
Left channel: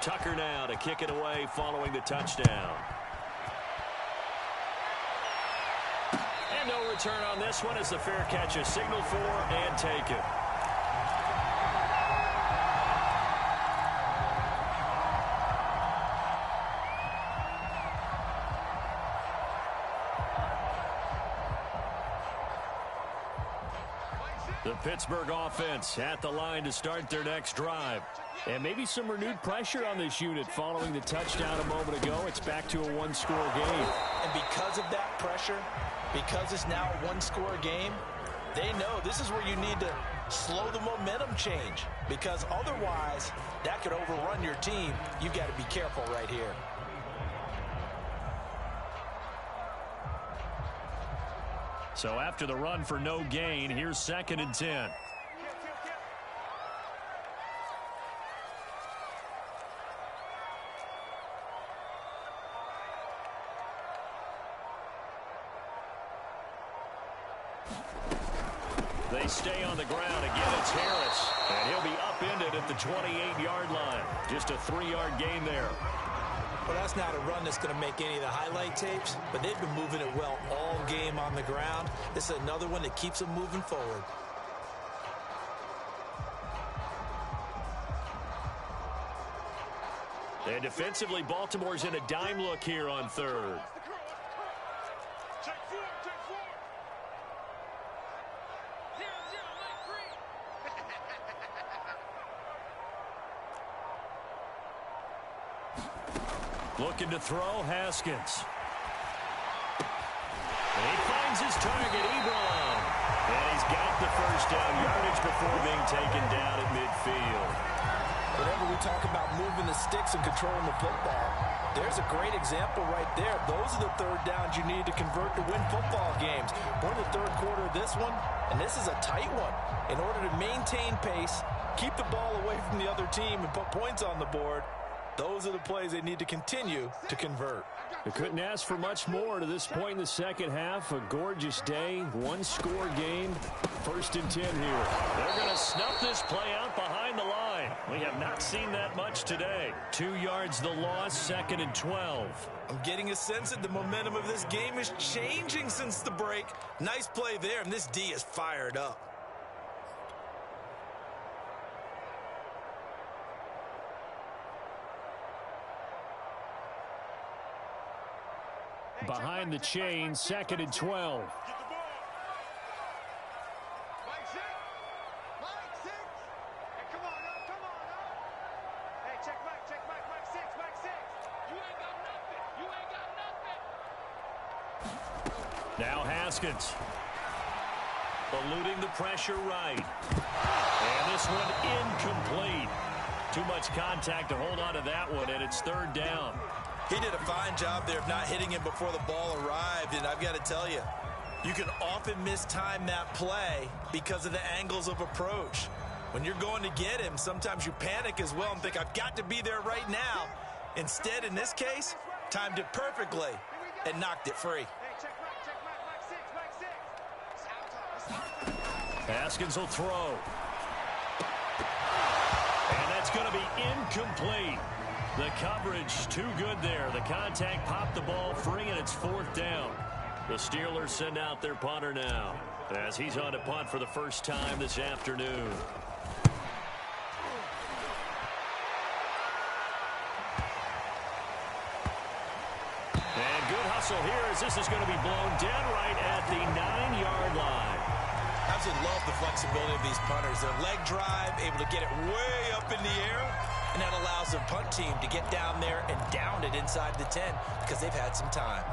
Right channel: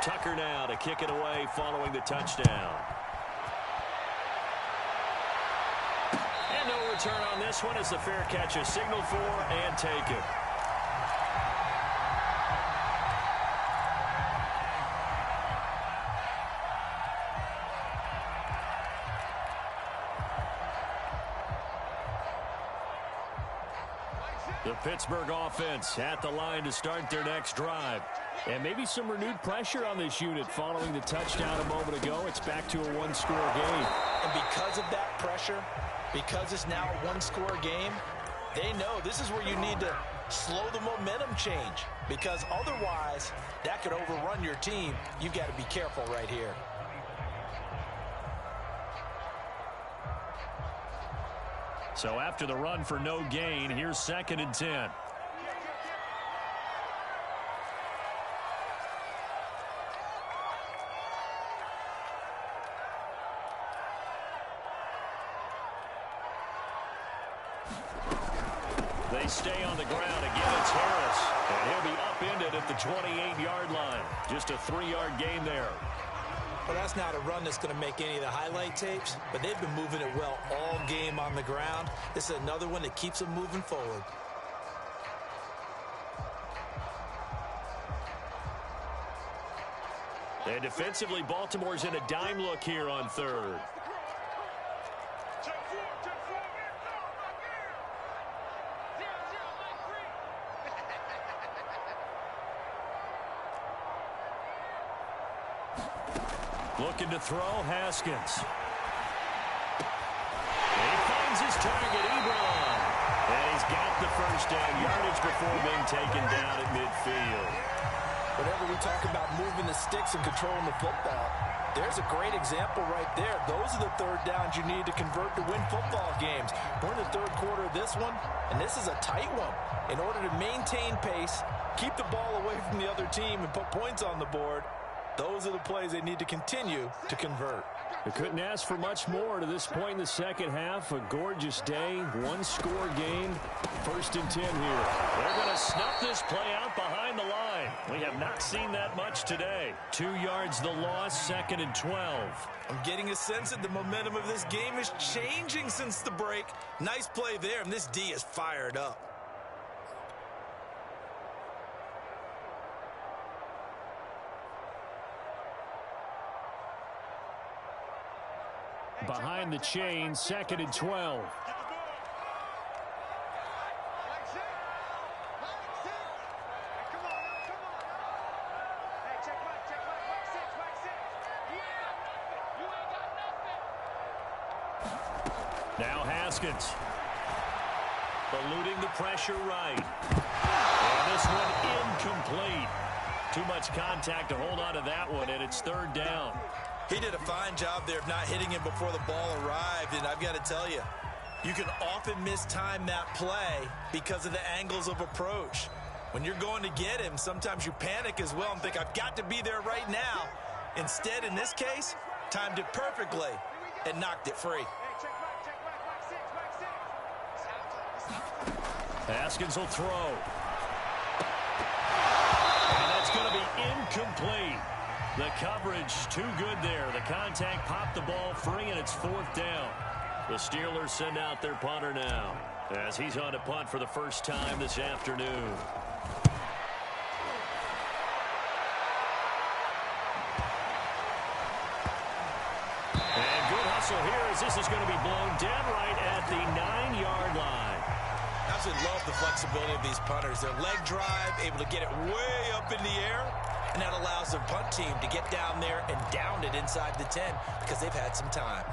Tucker now to kick it away following the touchdown. And no return on this one as the fair catch is signaled for and taken. The Pittsburgh offense at the line to start their next drive. And maybe some renewed pressure on this unit following the touchdown a moment ago. It's back to a 1-score game. And because of that pressure, because it's now a 1-score game, they know this is where you need to slow the momentum change. Because otherwise, that could overrun your team. You've got to be careful right here. So after the run for no gain, here's 2nd and 10. They stay on the ground. Again, it's Harris. And he'll be upended at the 28-yard line. Just a 3-yard gain there. Well, that's not a run that's going to make any of the highlight tapes, but they've been moving it well all game on the ground. This is another one that keeps them moving forward. And defensively, Baltimore's in a dime look here on 3rd. Looking to throw, Haskins. He finds his target, Ebron. And he's got the first down yardage before being taken down at midfield. Whenever we talk about moving the sticks and controlling the football, there's a great example right there. Those are the 3rd downs you need to convert to win football games. We're in the 3rd quarter of this one, and this is a tight one. In order to maintain pace, keep the ball away from the other team, and put points on the board, those are the plays they need to continue to convert. They couldn't ask for much more to this point in the 2nd half. A gorgeous day, 1-score game. 1st and 10 here. They're going to snuff this play out behind the line. We have not seen that much today. 2 yards the loss, 2nd and 12. I'm getting a sense that the momentum of this game is changing since the break. Nice play there, and this D is fired up. Behind the chain, 2nd and 12. Get the ball. Mike 6. Mike 6. Hey, come on now. Come on now. Hey, check Mike. Check Mike. Mike 6. Mike 6. You ain't got nothing. You ain't got nothing. Now Haskins. Eluding the pressure right. And this one incomplete. Too much contact to hold on to that one, and it's 3rd down. He did a fine job there of not hitting him before the ball arrived, and I've got to tell you, you can often mistime that play because of the angles of approach. When you're going to get him, sometimes you panic as well and think, I've got to be there right now. Instead, in this case, timed it perfectly and knocked it free. Hey, check Mike. Check Mike. Mike 6. Mike 6. It's our time. It's our time. Haskins will throw. And that's going to be incomplete. The coverage too good there. The contact popped the ball free, and it's 4th down. The Steelers send out their punter now, as he's on to punt for the first time this afternoon. And good hustle here as this is going to be blown dead right at the 9-yard line. Absolutely love the flexibility of these punters. Their leg drive, able to get it way up in the air, and that allows the punt team to get down there and down it inside the 10 because they've had some time.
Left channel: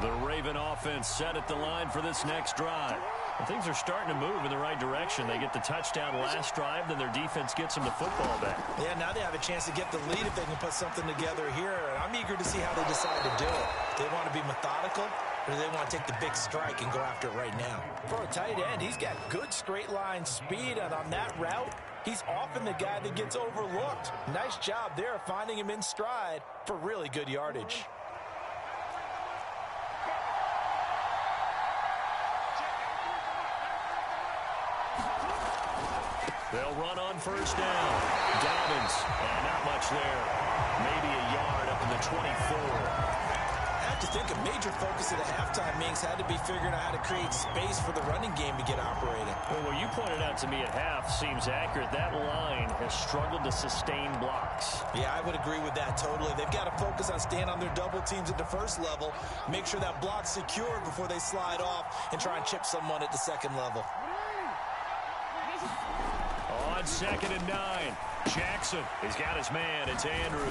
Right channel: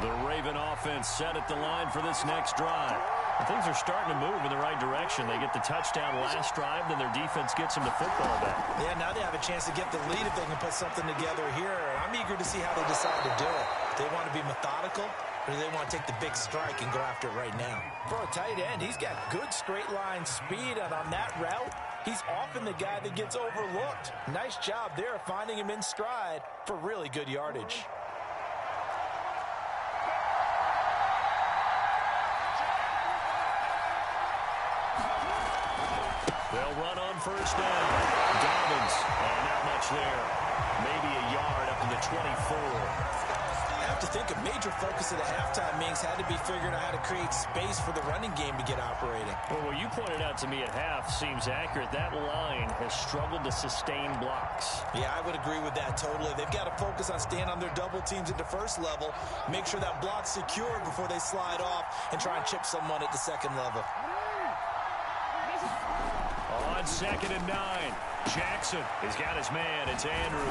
The Raven offense set at the line for this next drive. And things are starting to move in the right direction. They get the touchdown last drive, then their defense gets them the football back. Yeah, now they have a chance to get the lead if they can put something together here. And I'm eager to see how they decide to do it. Do they want to be methodical, or do they want to take the big strike and go after it right now? For a tight end, he's got good straight line speed, and on that route, he's often the guy that gets overlooked. Nice job there finding him in stride for really good yardage. They'll run on first down. Dobbins, and not much there. Maybe a yard up to the 24. I have to think a major focus of the halftime meetings had to be figuring out how to create space for the running game to get operating. Well, what you pointed out to me at half seems accurate. That line has struggled to sustain blocks. Yeah, I would agree with that totally. They've got to focus on staying on their double teams at the first level, make sure that block's secured before they slide off and try and chip someone at the second level. On 2nd and 9, Jackson has got his man. It's Andrews.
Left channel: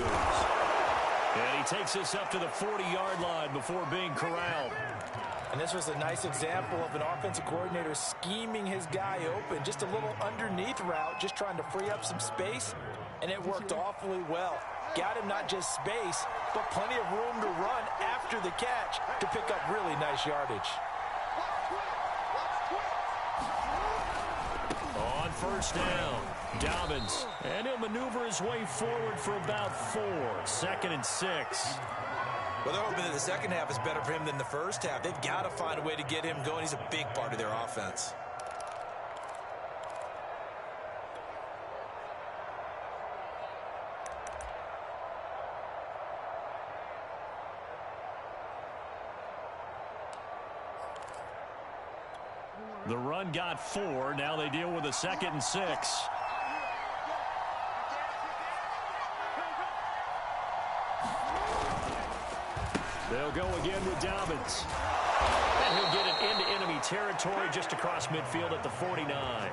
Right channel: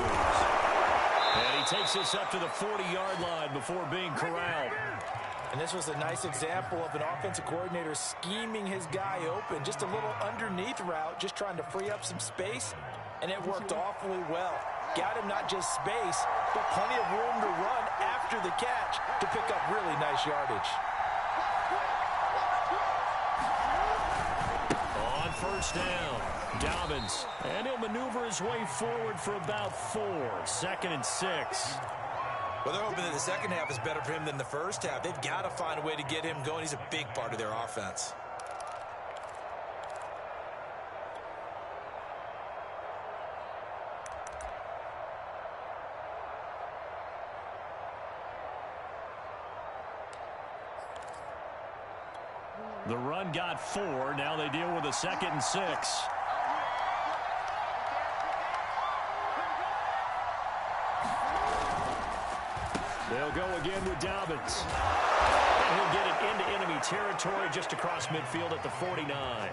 And he takes this up to the 40-yard line before being corralled. And this was a nice example of an offensive coordinator scheming his guy open. Just a little underneath route, just trying to free up some space, and it worked awfully well. Got him not just space, but plenty of room to run after the catch to pick up really nice yardage. On first down, Dobbins, and he'll maneuver his way forward for about 4. 2nd and 6. Well, they're hoping that the second half is better for him than the first half. They've got to find a way to get him going. He's a big part of their offense. The run got 4. Now they deal with a 2nd and 6. They'll go again with Dobbins. And he'll get it into enemy territory just across midfield at the 49.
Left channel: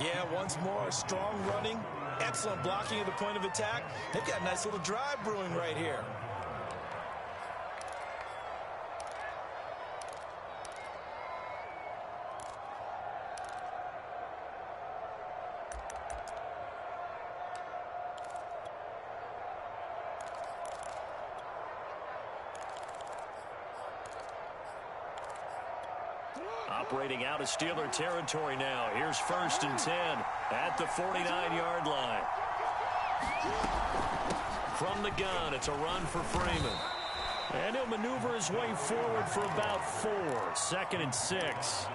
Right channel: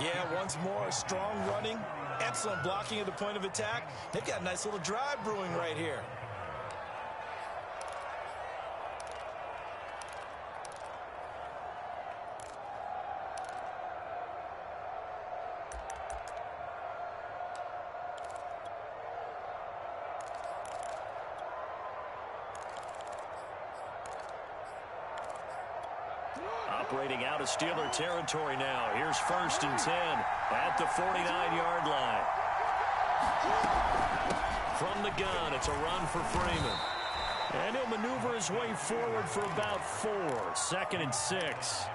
Yeah, once more, strong running, excellent blocking at the point of attack. They've got a nice little drive brewing right here. Operating out of Steeler territory now. Here's 1st and 10 at the 49-yard line. From the gun, it's a run for Freeman. And he'll maneuver his way forward for about 4. 2nd and 6.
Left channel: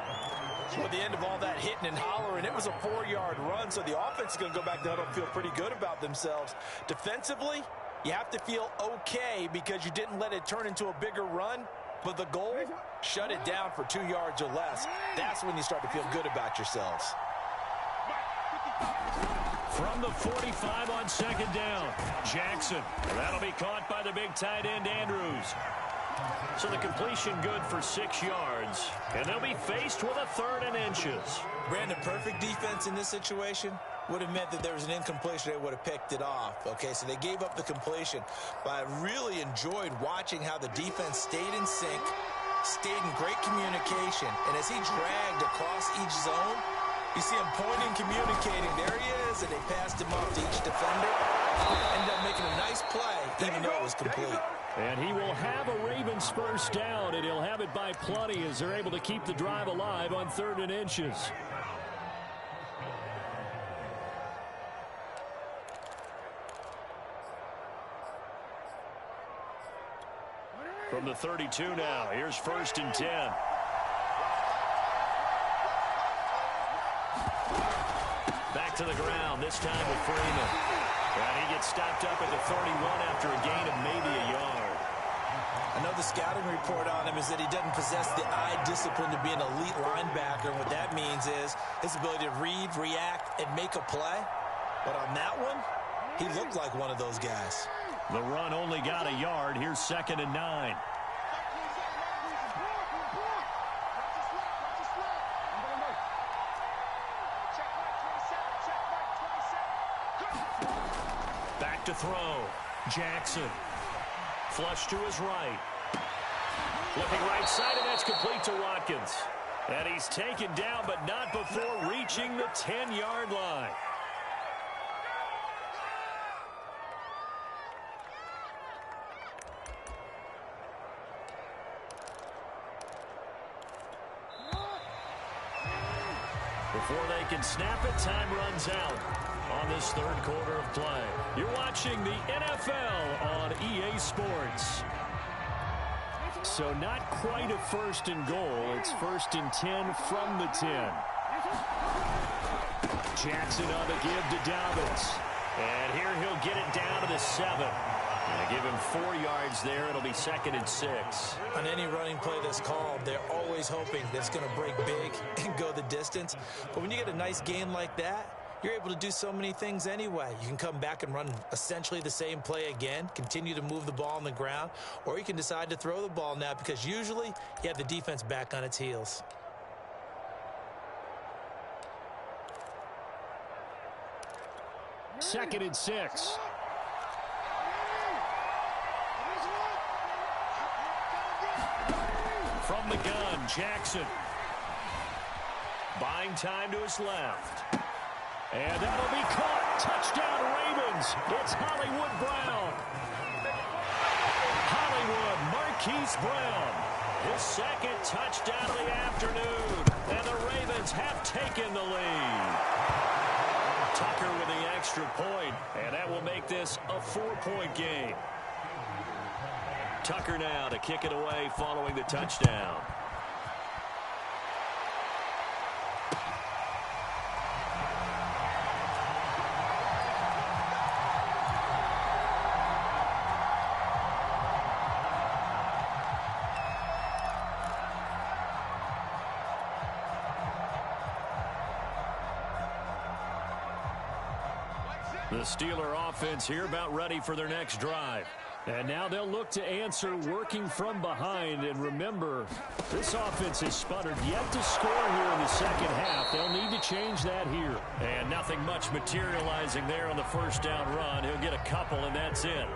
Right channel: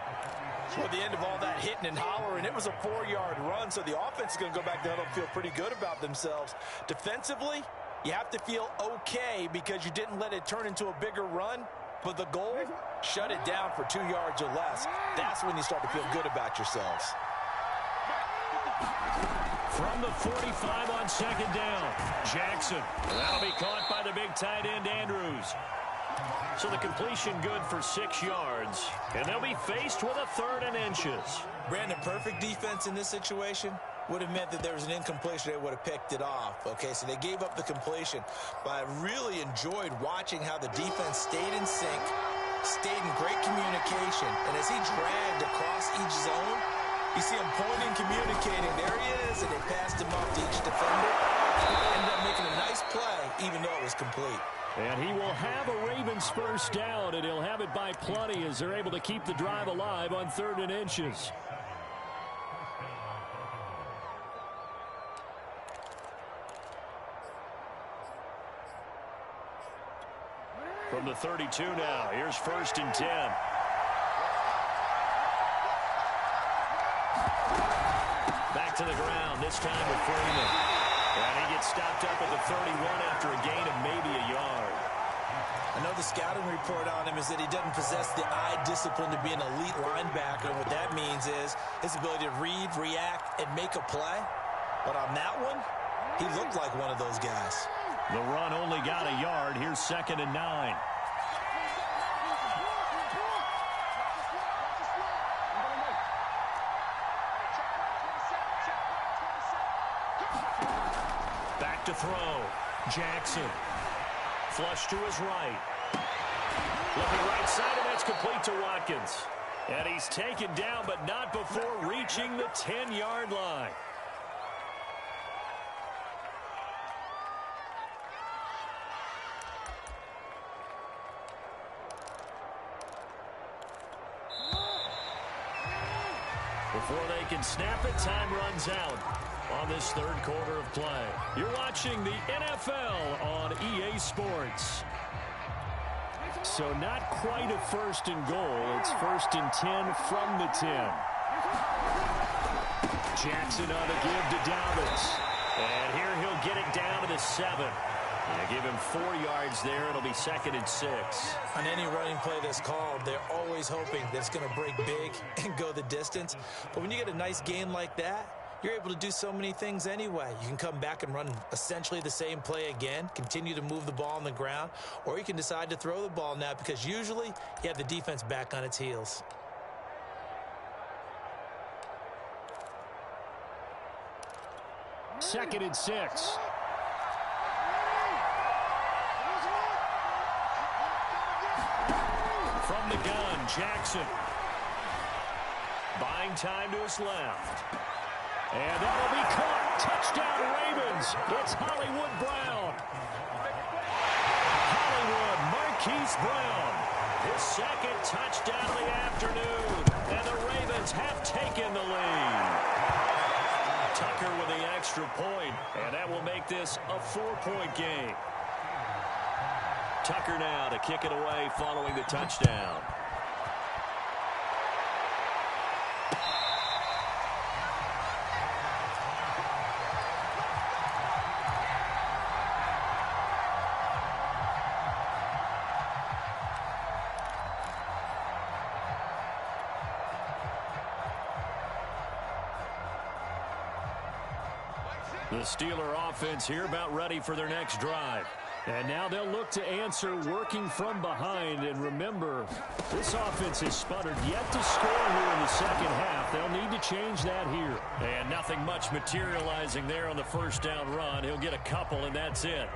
Well, at the end of all that hitting and hollering, it was a 4-yard run, so the offense is going to go back to huddle and feel pretty good about themselves. Defensively, you have to feel okay because you didn't let it turn into a bigger run. But the goal, shut it down for 2 yards or less. That's when you start to feel good about yourselves. From the 45 on 2nd down, Jackson. That'll be caught by the big tight end, Andrews. So the completion good for 6 yards. And they'll be faced with a 3rd and inches. Brandon, perfect defense in this situation would have meant that there was an incompletion. They would have picked it off. Okay, so they gave up the completion. But I really enjoyed watching how the defense stayed in sync, stayed in great communication. And as he dragged across each zone, you see him pointing, communicating. There he is, and they passed him off to each defender. Ended up making a nice play, even though it was complete. And he will have a Ravens first down, and he'll have it by plenty as they're able to keep the drive alive on 3rd and inches. From the 32 now, here's 1st and 10. back to the ground, this time with Freeman. And he gets stopped up at the 31 after a gain of maybe a yard. I know the scouting report on him is that he doesn't possess the eye discipline to be an elite linebacker. And what that means is his ability to read, react, and make a play. But on that one, he looked like one of those guys. The run only got a yard. Here's 2nd and 9. Back to throw. Jackson. Flush to his right. Looking right side, and that's complete to Watkins. And he's taken down, but not before reaching the 10-yard line. Before they can snap it, time runs out on this third quarter of play. You're watching the NFL on EA Sports. So not quite a 1st and goal. It's 1st and 10 from the 10. Jackson on the give to Dobbins. And here he'll get it down to the 7. And give him 4 yards there. It'll be 2nd and 6. On any running play that's called, they're always hoping that it's going to break big and go the distance. But when you get a nice gain like that, you're able to do so many things anyway. You can come back and run essentially the same play again, continue to move the ball on the ground, or you can decide to throw the ball now because usually you have the defense back on its heels. Second and 6. From the gun, Jackson. Buying time to his left. And that'll be caught. Touchdown, Ravens. It's Hollywood Brown. Hollywood Marquise Brown. His 2nd touchdown of the afternoon. And the Ravens have taken the lead. Tucker with the extra point. And that will make this a 4-point game. Tucker now to kick it away following the touchdown. The Steeler offense here about ready for their next drive. And now they'll look to answer working from behind. And remember, this offense has sputtered yet to score here in the second half. They'll need to change that here. And nothing much materializing there on the first down run. He'll get a couple, and that's it.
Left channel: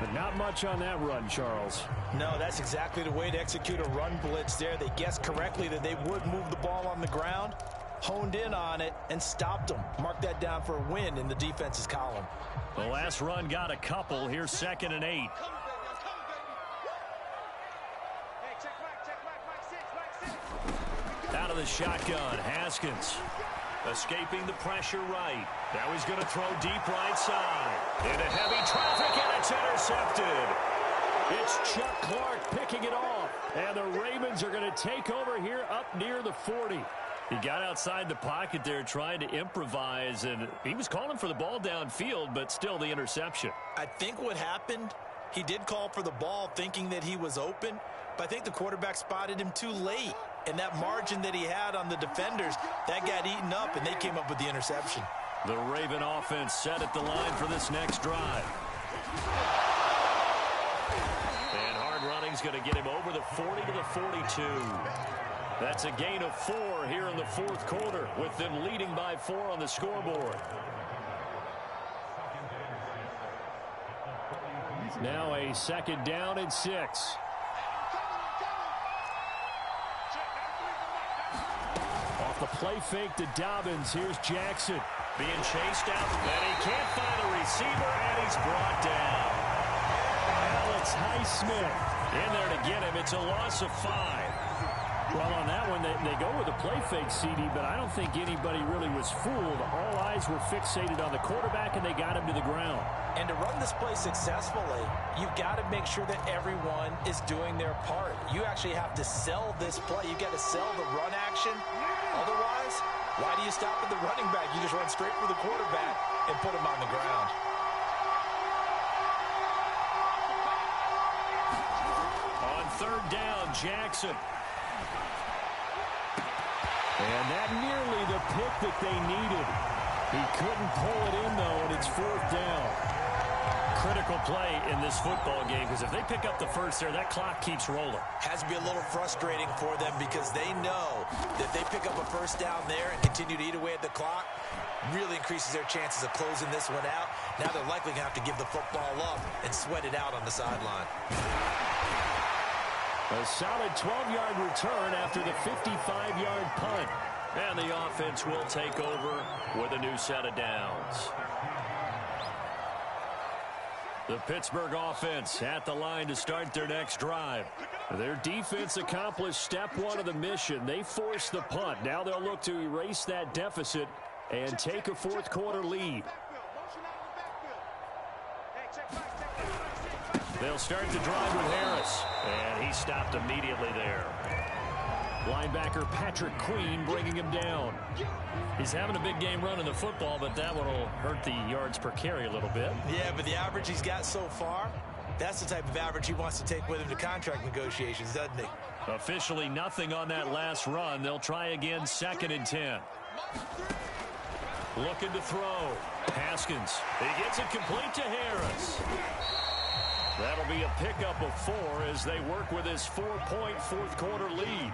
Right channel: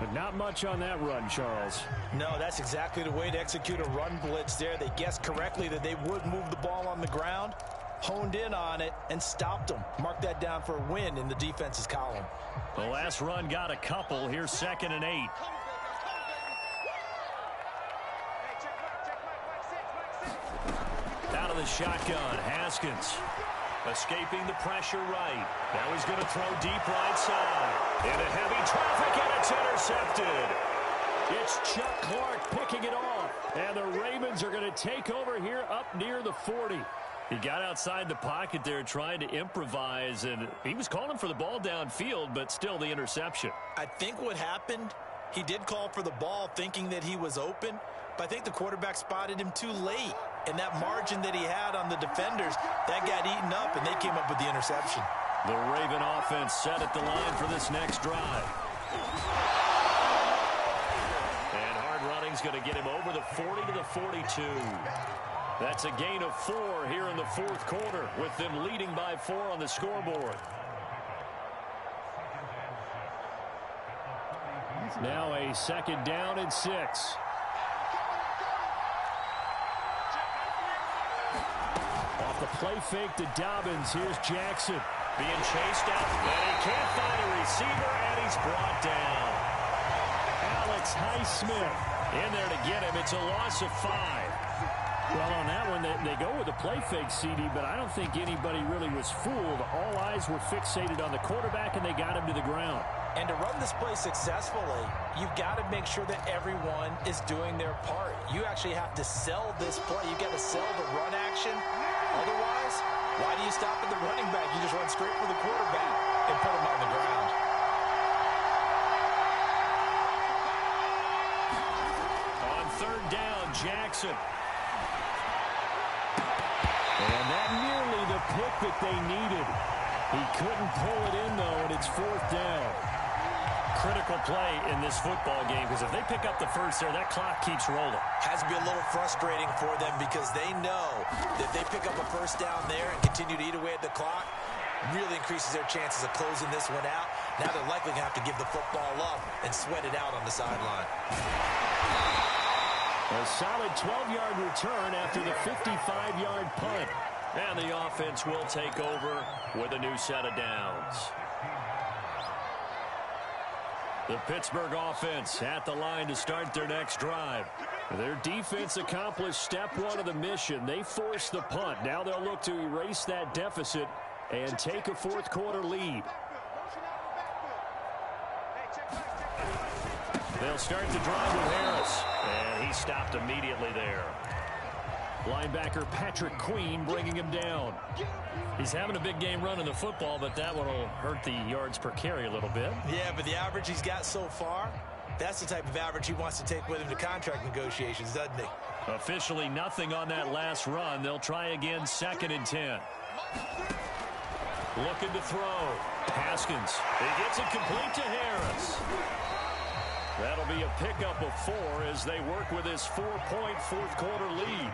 But not much on that run, Charles. No, that's exactly the way to execute a run blitz there. They guessed correctly that they would move the ball on the ground, honed in on it, and stopped them. Mark that down for a win in the defense's column. The last run got a couple. Here's 2nd and 8. Out of the shotgun, Haskins. Escaping the pressure right. Now he's going to throw deep right side. Into heavy traffic, and it's intercepted. It's Chuck Clark picking it off. And the Ravens are going to take over here up near the 40. He got outside the pocket there trying to improvise, and he was calling for the ball downfield, but still the interception. I think what happened, he did call for the ball thinking that he was open, but I think the quarterback spotted him too late. And that margin that he had on the defenders, that got eaten up, and they came up with the interception. The Raven offense set at the line for this next drive. And hard running's going to get him over the 40 to the 42. That's a gain of 4 here in the fourth quarter, with them leading by 4 on the scoreboard. Now a 2nd down and 6. Off the play fake to Dobbins. Here's Jackson being chased out, and he can't find a receiver, and he's brought down. Alex Highsmith in there to get him. It's a loss of 5. Well, on that one, they go with a play fake, CD, but I don't think anybody really was fooled. All eyes were fixated on the quarterback, and they got him to the ground. And to run this play successfully, you've got to make sure that everyone is doing their part. You actually have to sell this play. You've got to sell the run action Otherwise, why do you stop at the running back? You just run straight for the quarterback and put him on the ground. On third down, Jackson. And that nearly the pick that they needed. He couldn't pull it in, though, and it's fourth down. Critical play in this football game, because if they pick up the first there, that clock keeps rolling. Has to be a little frustrating for them because they know that they pick up a first down there and continue to eat away at the clock, really increases their chances of closing this one out. Now they're likely going to have to give the football up and sweat it out on the sideline. A solid 12-yard return after the 55-yard punt. And the offense will take over with a new set of downs. The Pittsburgh offense at the line to start their next drive. Their defense accomplished step one of the mission. They forced the punt. Now they'll look to erase that deficit and take a fourth quarter lead. They'll start the drive with Harris, and he stopped immediately there. Linebacker Patrick Queen bringing him down. He's having a big game running the football, but that one will hurt the yards per carry a little bit. Yeah, but the average he's got so far, that's the type of average he wants to take with him to contract negotiations, doesn't he? Officially nothing on that last run. They'll try again, 2nd and 10. Looking to throw. Haskins. He gets it complete to Harris. That'll be a pickup of 4 as they work with his 4-point fourth quarter lead.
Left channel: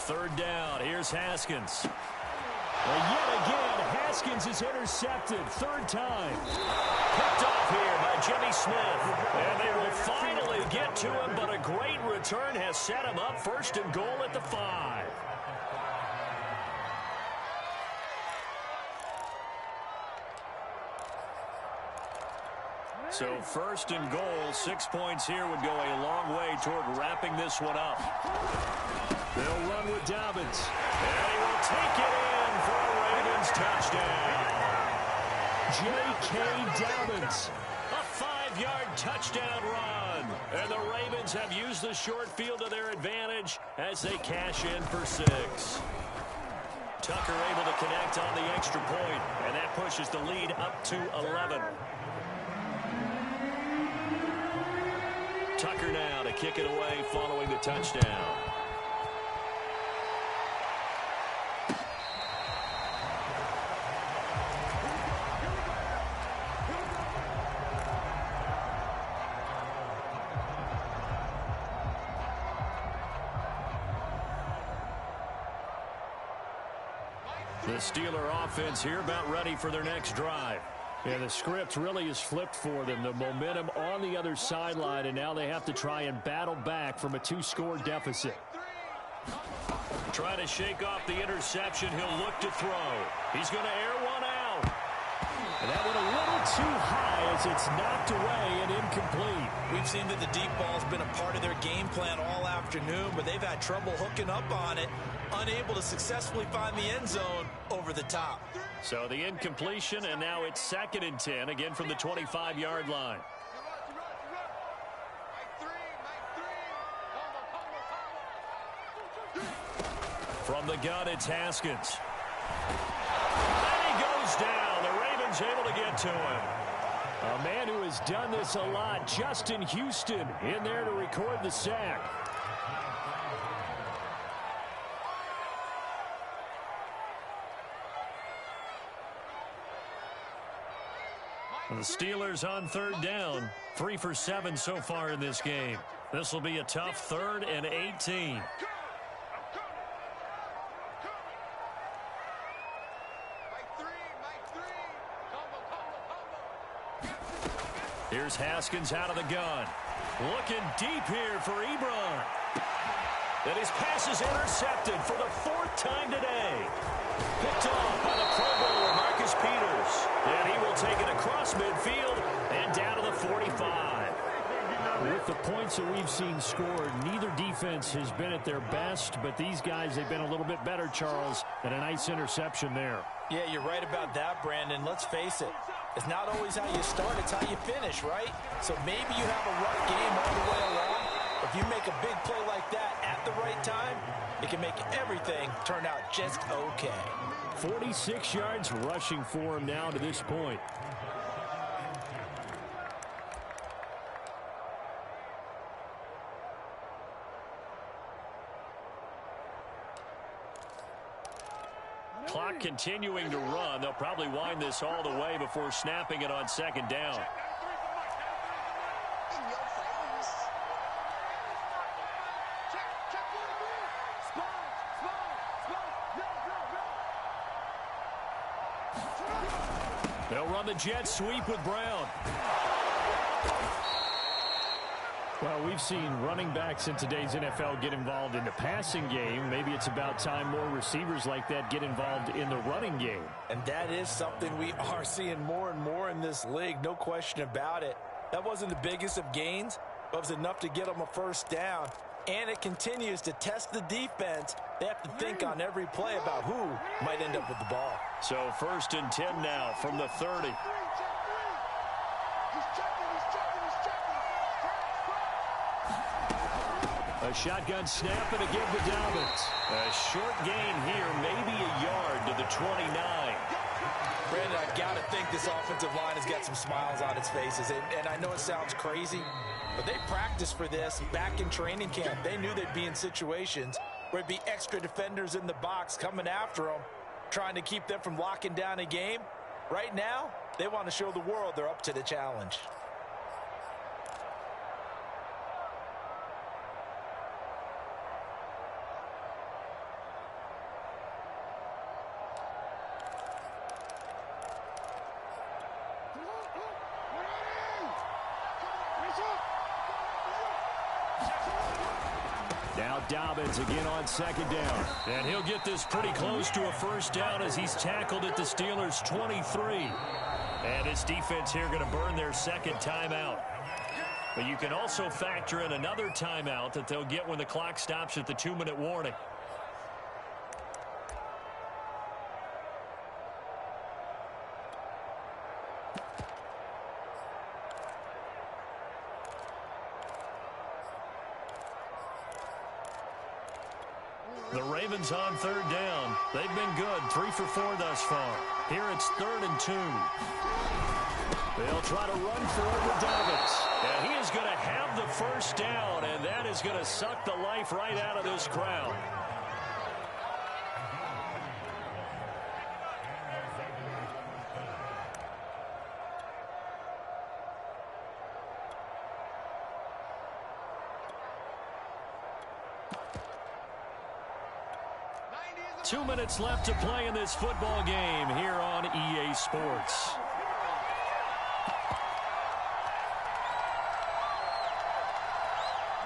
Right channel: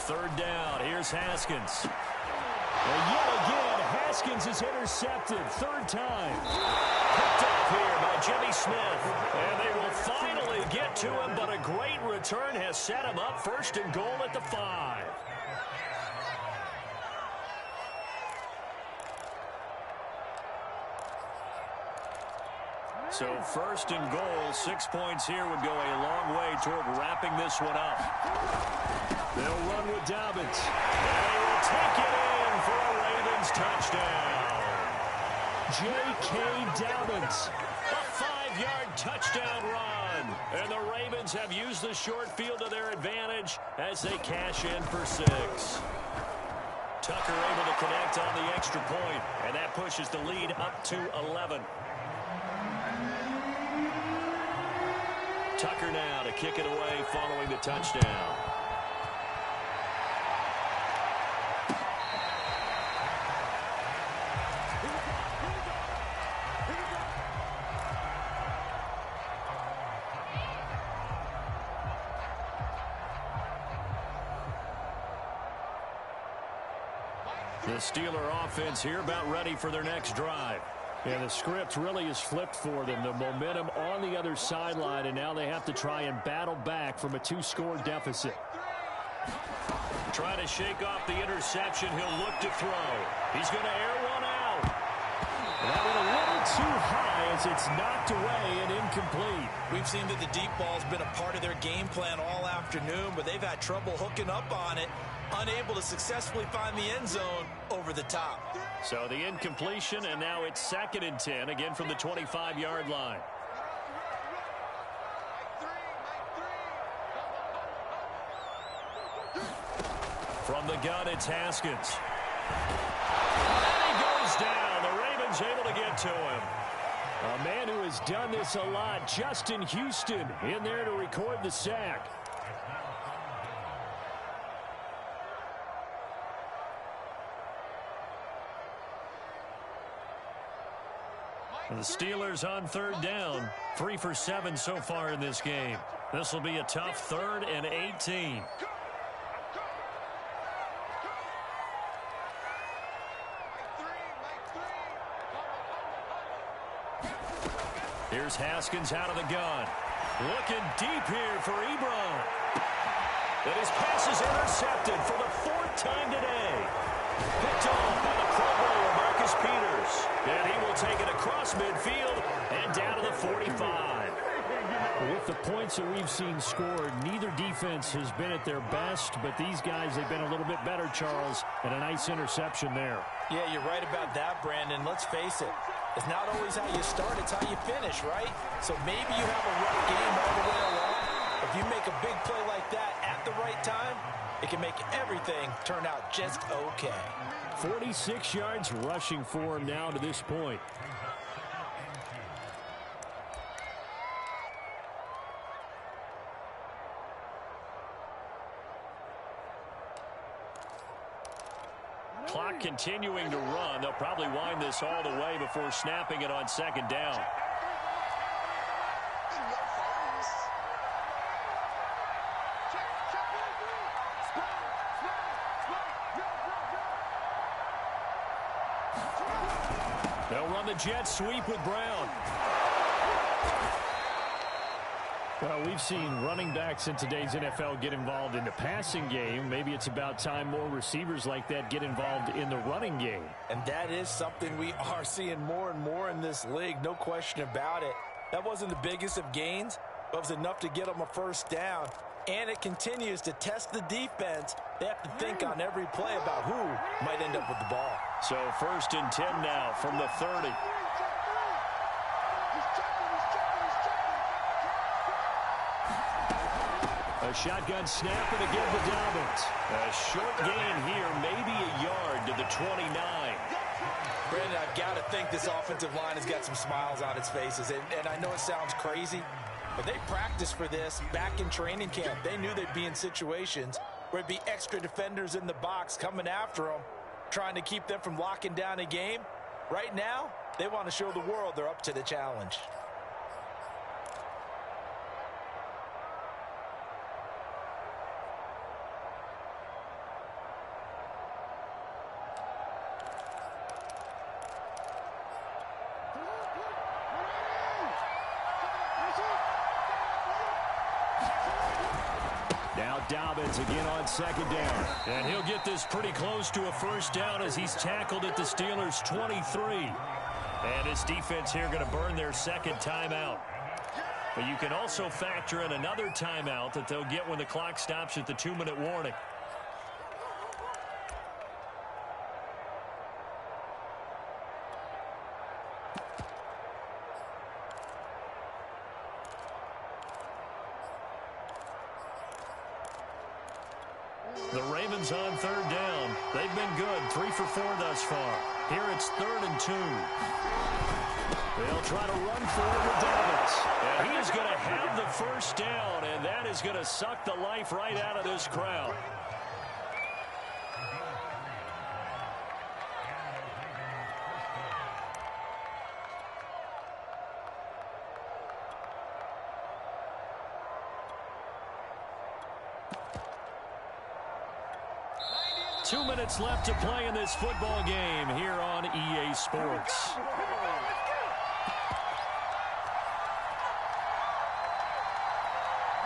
Third down. Here's Haskins. And yet again, Haskins is intercepted. Third time. Picked off here by Jimmy Smith. And they will finally get to him, but a great return has set him up. 1st and goal at the 5. So 1st and goal, 6 points here would go a long way toward wrapping this one up. They'll run with Dobbins. And he will take it in for a Ravens touchdown. J.K. Dobbins. A 5-yard touchdown run. And the Ravens have used the short field to their advantage as they cash in for 6. Tucker able to connect on the extra point, and that pushes the lead up to 11. Tucker now to kick it away following the touchdown. The Steeler offense here about ready for their next drive. Yeah, the script really is flipped for them. The momentum on the other sideline, and now they have to try and battle back from a 2-score deficit. Trying to shake off the interception. He'll look to throw. He's going to air one out. And that one a little too high as it's knocked away and incomplete. We've seen that the deep ball's been a part of their game plan all afternoon, but they've had trouble hooking up on it, unable to successfully find the end zone over the top. So the incompletion, and now it's 2nd and 10, again from the 25-yard line. From the gun, it's Haskins. And he goes down. The Ravens able to get to him. A man who has done this a lot, Justin Houston, in there to record the sack. The Steelers on 3rd down, 3 for 7 so far in this game. This will be a tough 3rd and 18. Here's Haskins out of the gun. Looking deep here for Ebron. And his pass is intercepted for the 4th time today. Picked off by the Pro Bowler, Marcus Peters. And he will take it across midfield and down to the 45. With the points that we've seen scored, neither defense has been at their best, but these guys, they've been a little bit better, Charles, and a nice interception there. Yeah, you're right about that, Brandon. Let's face it. It's not always how you start, it's how you finish, right? So maybe you have a rough game all the way along. If you make a big play like that at the right time, it can make everything turn out just okay. 46 yards rushing for him now to this point. Clock continuing to run. They'll probably wind this all the way before snapping it on second down. They'll run the jet sweep with Brown. Well, we've seen running backs in today's NFL get involved in the passing game. Maybe it's about time more receivers like that get involved in the running game. And that is something we are seeing more and more in this league, no question about it. That wasn't the biggest of gains, but it was enough to get them a first down. And it continues to test the defense. They have to think on every play about who might end up with the ball. So 1st and 10 now from the 30. A shotgun snap and again with Dobbins. A short gain here, maybe a yard to the 29. Brandon, I've got to think this offensive line has got some smiles on its faces. And I know it sounds crazy, but they practiced for this back in training camp. They knew they'd be in situations where it'd be extra defenders in the box coming after them, trying to keep them from locking down a game. Right now, they want to show the world they're up to the challenge. Now Dobbins again on second down. And he'll get this pretty close to a first down as he's tackled at the Steelers' 23. And his defense here going to burn their second timeout. But you can also factor in another timeout that they'll get when the clock stops at the 2-minute warning. The Ravens on 3rd down. They've been good, 3 for 4 thus far. Here it's 3rd and 2. They'll try to run for it with Dobbins. And he is going to have the first down, and that is going to suck the life right out of this crowd. Two minutes left to play in this football game here on EA Sports.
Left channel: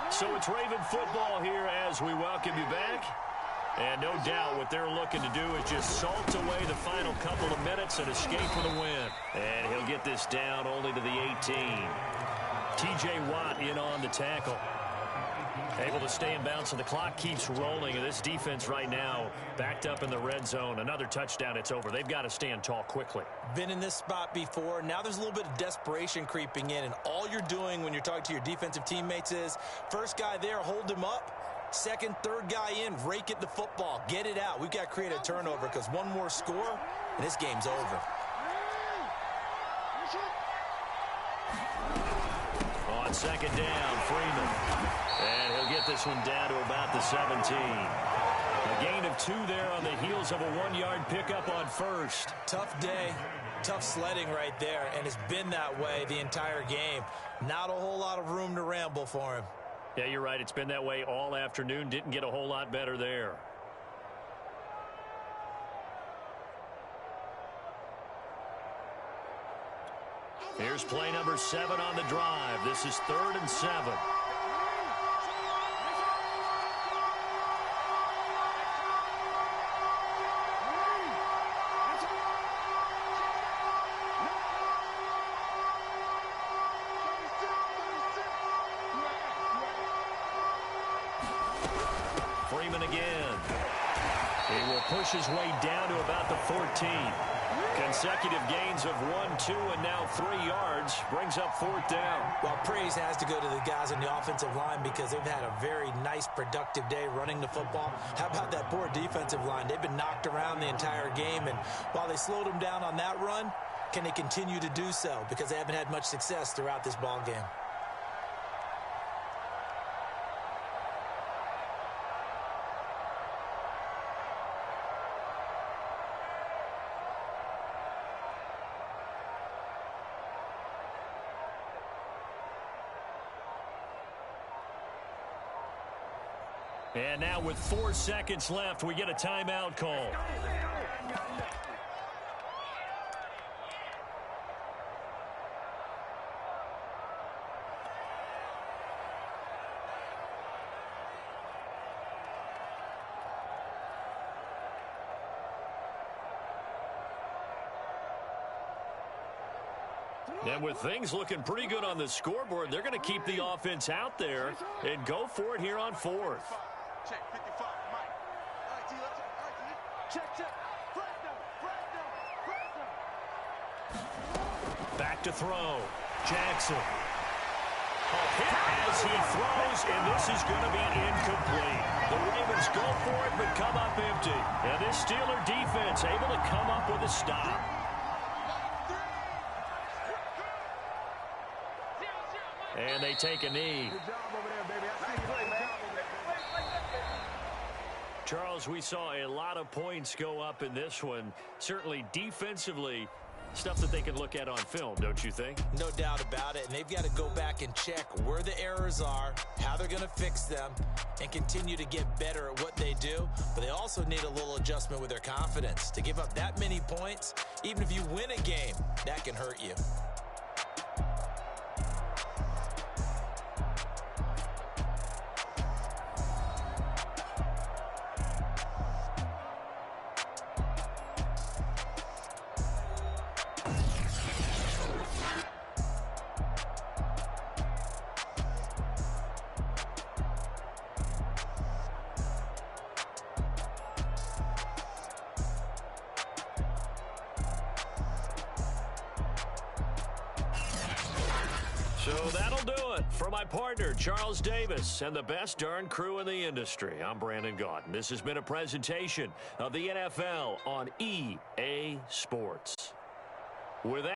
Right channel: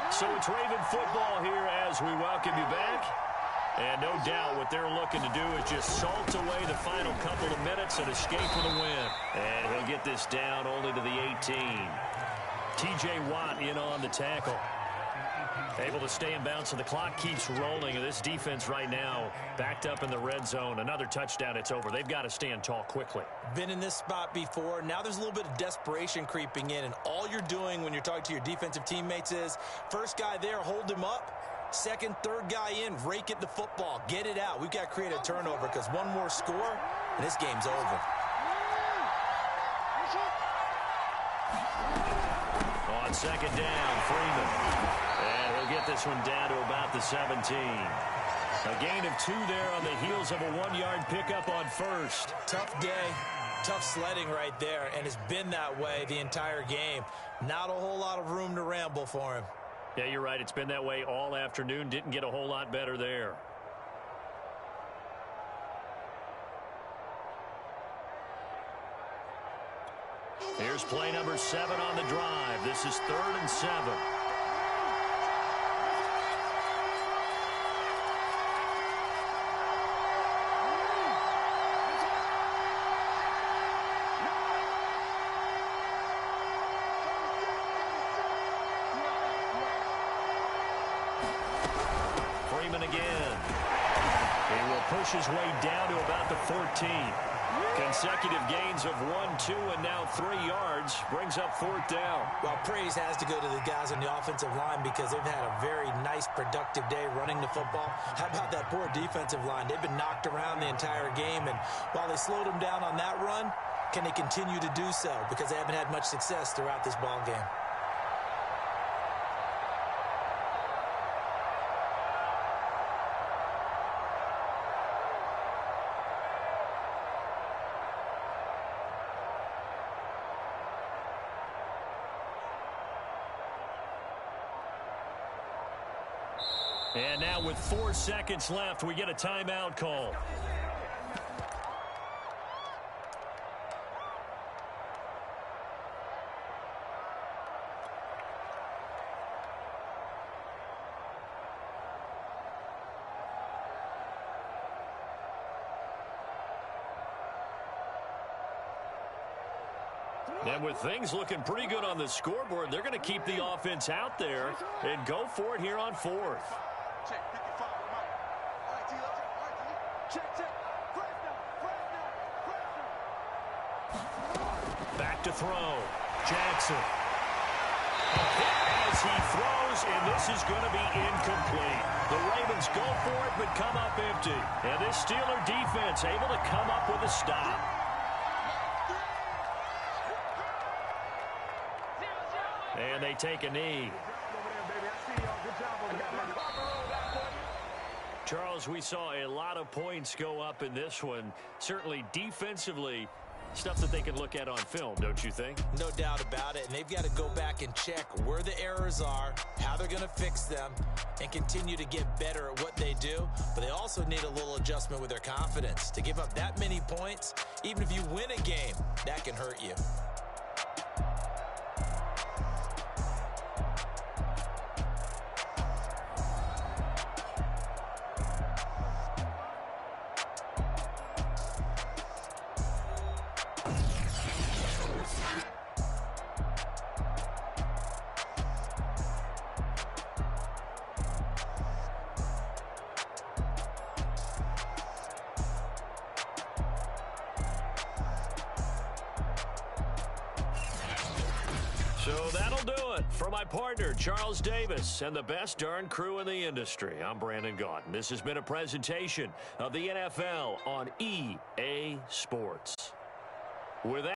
So it's Raven football here as we welcome you back. And no doubt what they're looking to do is just salt away the final couple of minutes and escape with a win. And he'll get this down only to the 18. T.J. Watt in on the tackle. Able to stay in bounds, so the clock keeps rolling. And this defense right now backed up in the red zone. Another touchdown, it's over. They've got to stand tall quickly. Been in this spot before. Now there's a little bit of desperation creeping in. And all you're doing when you're talking to your defensive teammates is, first guy there, hold him up. Second, third guy in, rake at the football. Get it out. We've got to create a turnover because one more score, and this game's over. On second down, Freeman. And he'll get this one down to about the 17. A gain of 2 there on the heels of a 1-yard pickup on first. Tough day, tough sledding right there, and it's been that way the entire game. Not a whole lot of room to ramble for him. Yeah, you're right. It's been that way all afternoon. Didn't get a whole lot better there. Here's play number 7 on the drive. This is 3rd and 7. Freeman again. He will push his way down to about the 14. Consecutive gains of 1, 2, and now 3 yards brings up 4th down. Well, praise has to go to the guys on the offensive line because they've had a very nice, productive day running the football. How about that poor defensive line? They've been knocked around the entire game, and while they slowed them down on that run, can they continue to do so? Because they haven't had much success throughout this ball game. And now with 4 seconds left, we get a timeout call. And with things looking pretty good on the scoreboard, they're going to keep the offense out there and go for it here on 4th. Check, 55, Mike. All right, T, let's check. All right, T. Check. Fresno. Back to throw. Jackson. A hit as he throws, and this is going to be incomplete. The Ravens go for it, but come up empty. And this Steeler defense able to come up with a stop. And they take a knee. Good job over there, baby. I see y'all. Good job over there, baby. Charles, we saw a lot of points go up in this one. Certainly defensively, stuff that they can look at on film, don't you think? No doubt about it. And they've got to go back and check where the errors are, how they're going to fix them, and continue to get better at what they do. But they also need a little adjustment with their confidence. To give up that many points, even if you win a game, that can hurt you. So that'll do it for my partner, Charles Davis, and the best darn crew in the industry. I'm Brandon Gaudin. This has been a presentation of the NFL on EA Sports. With that,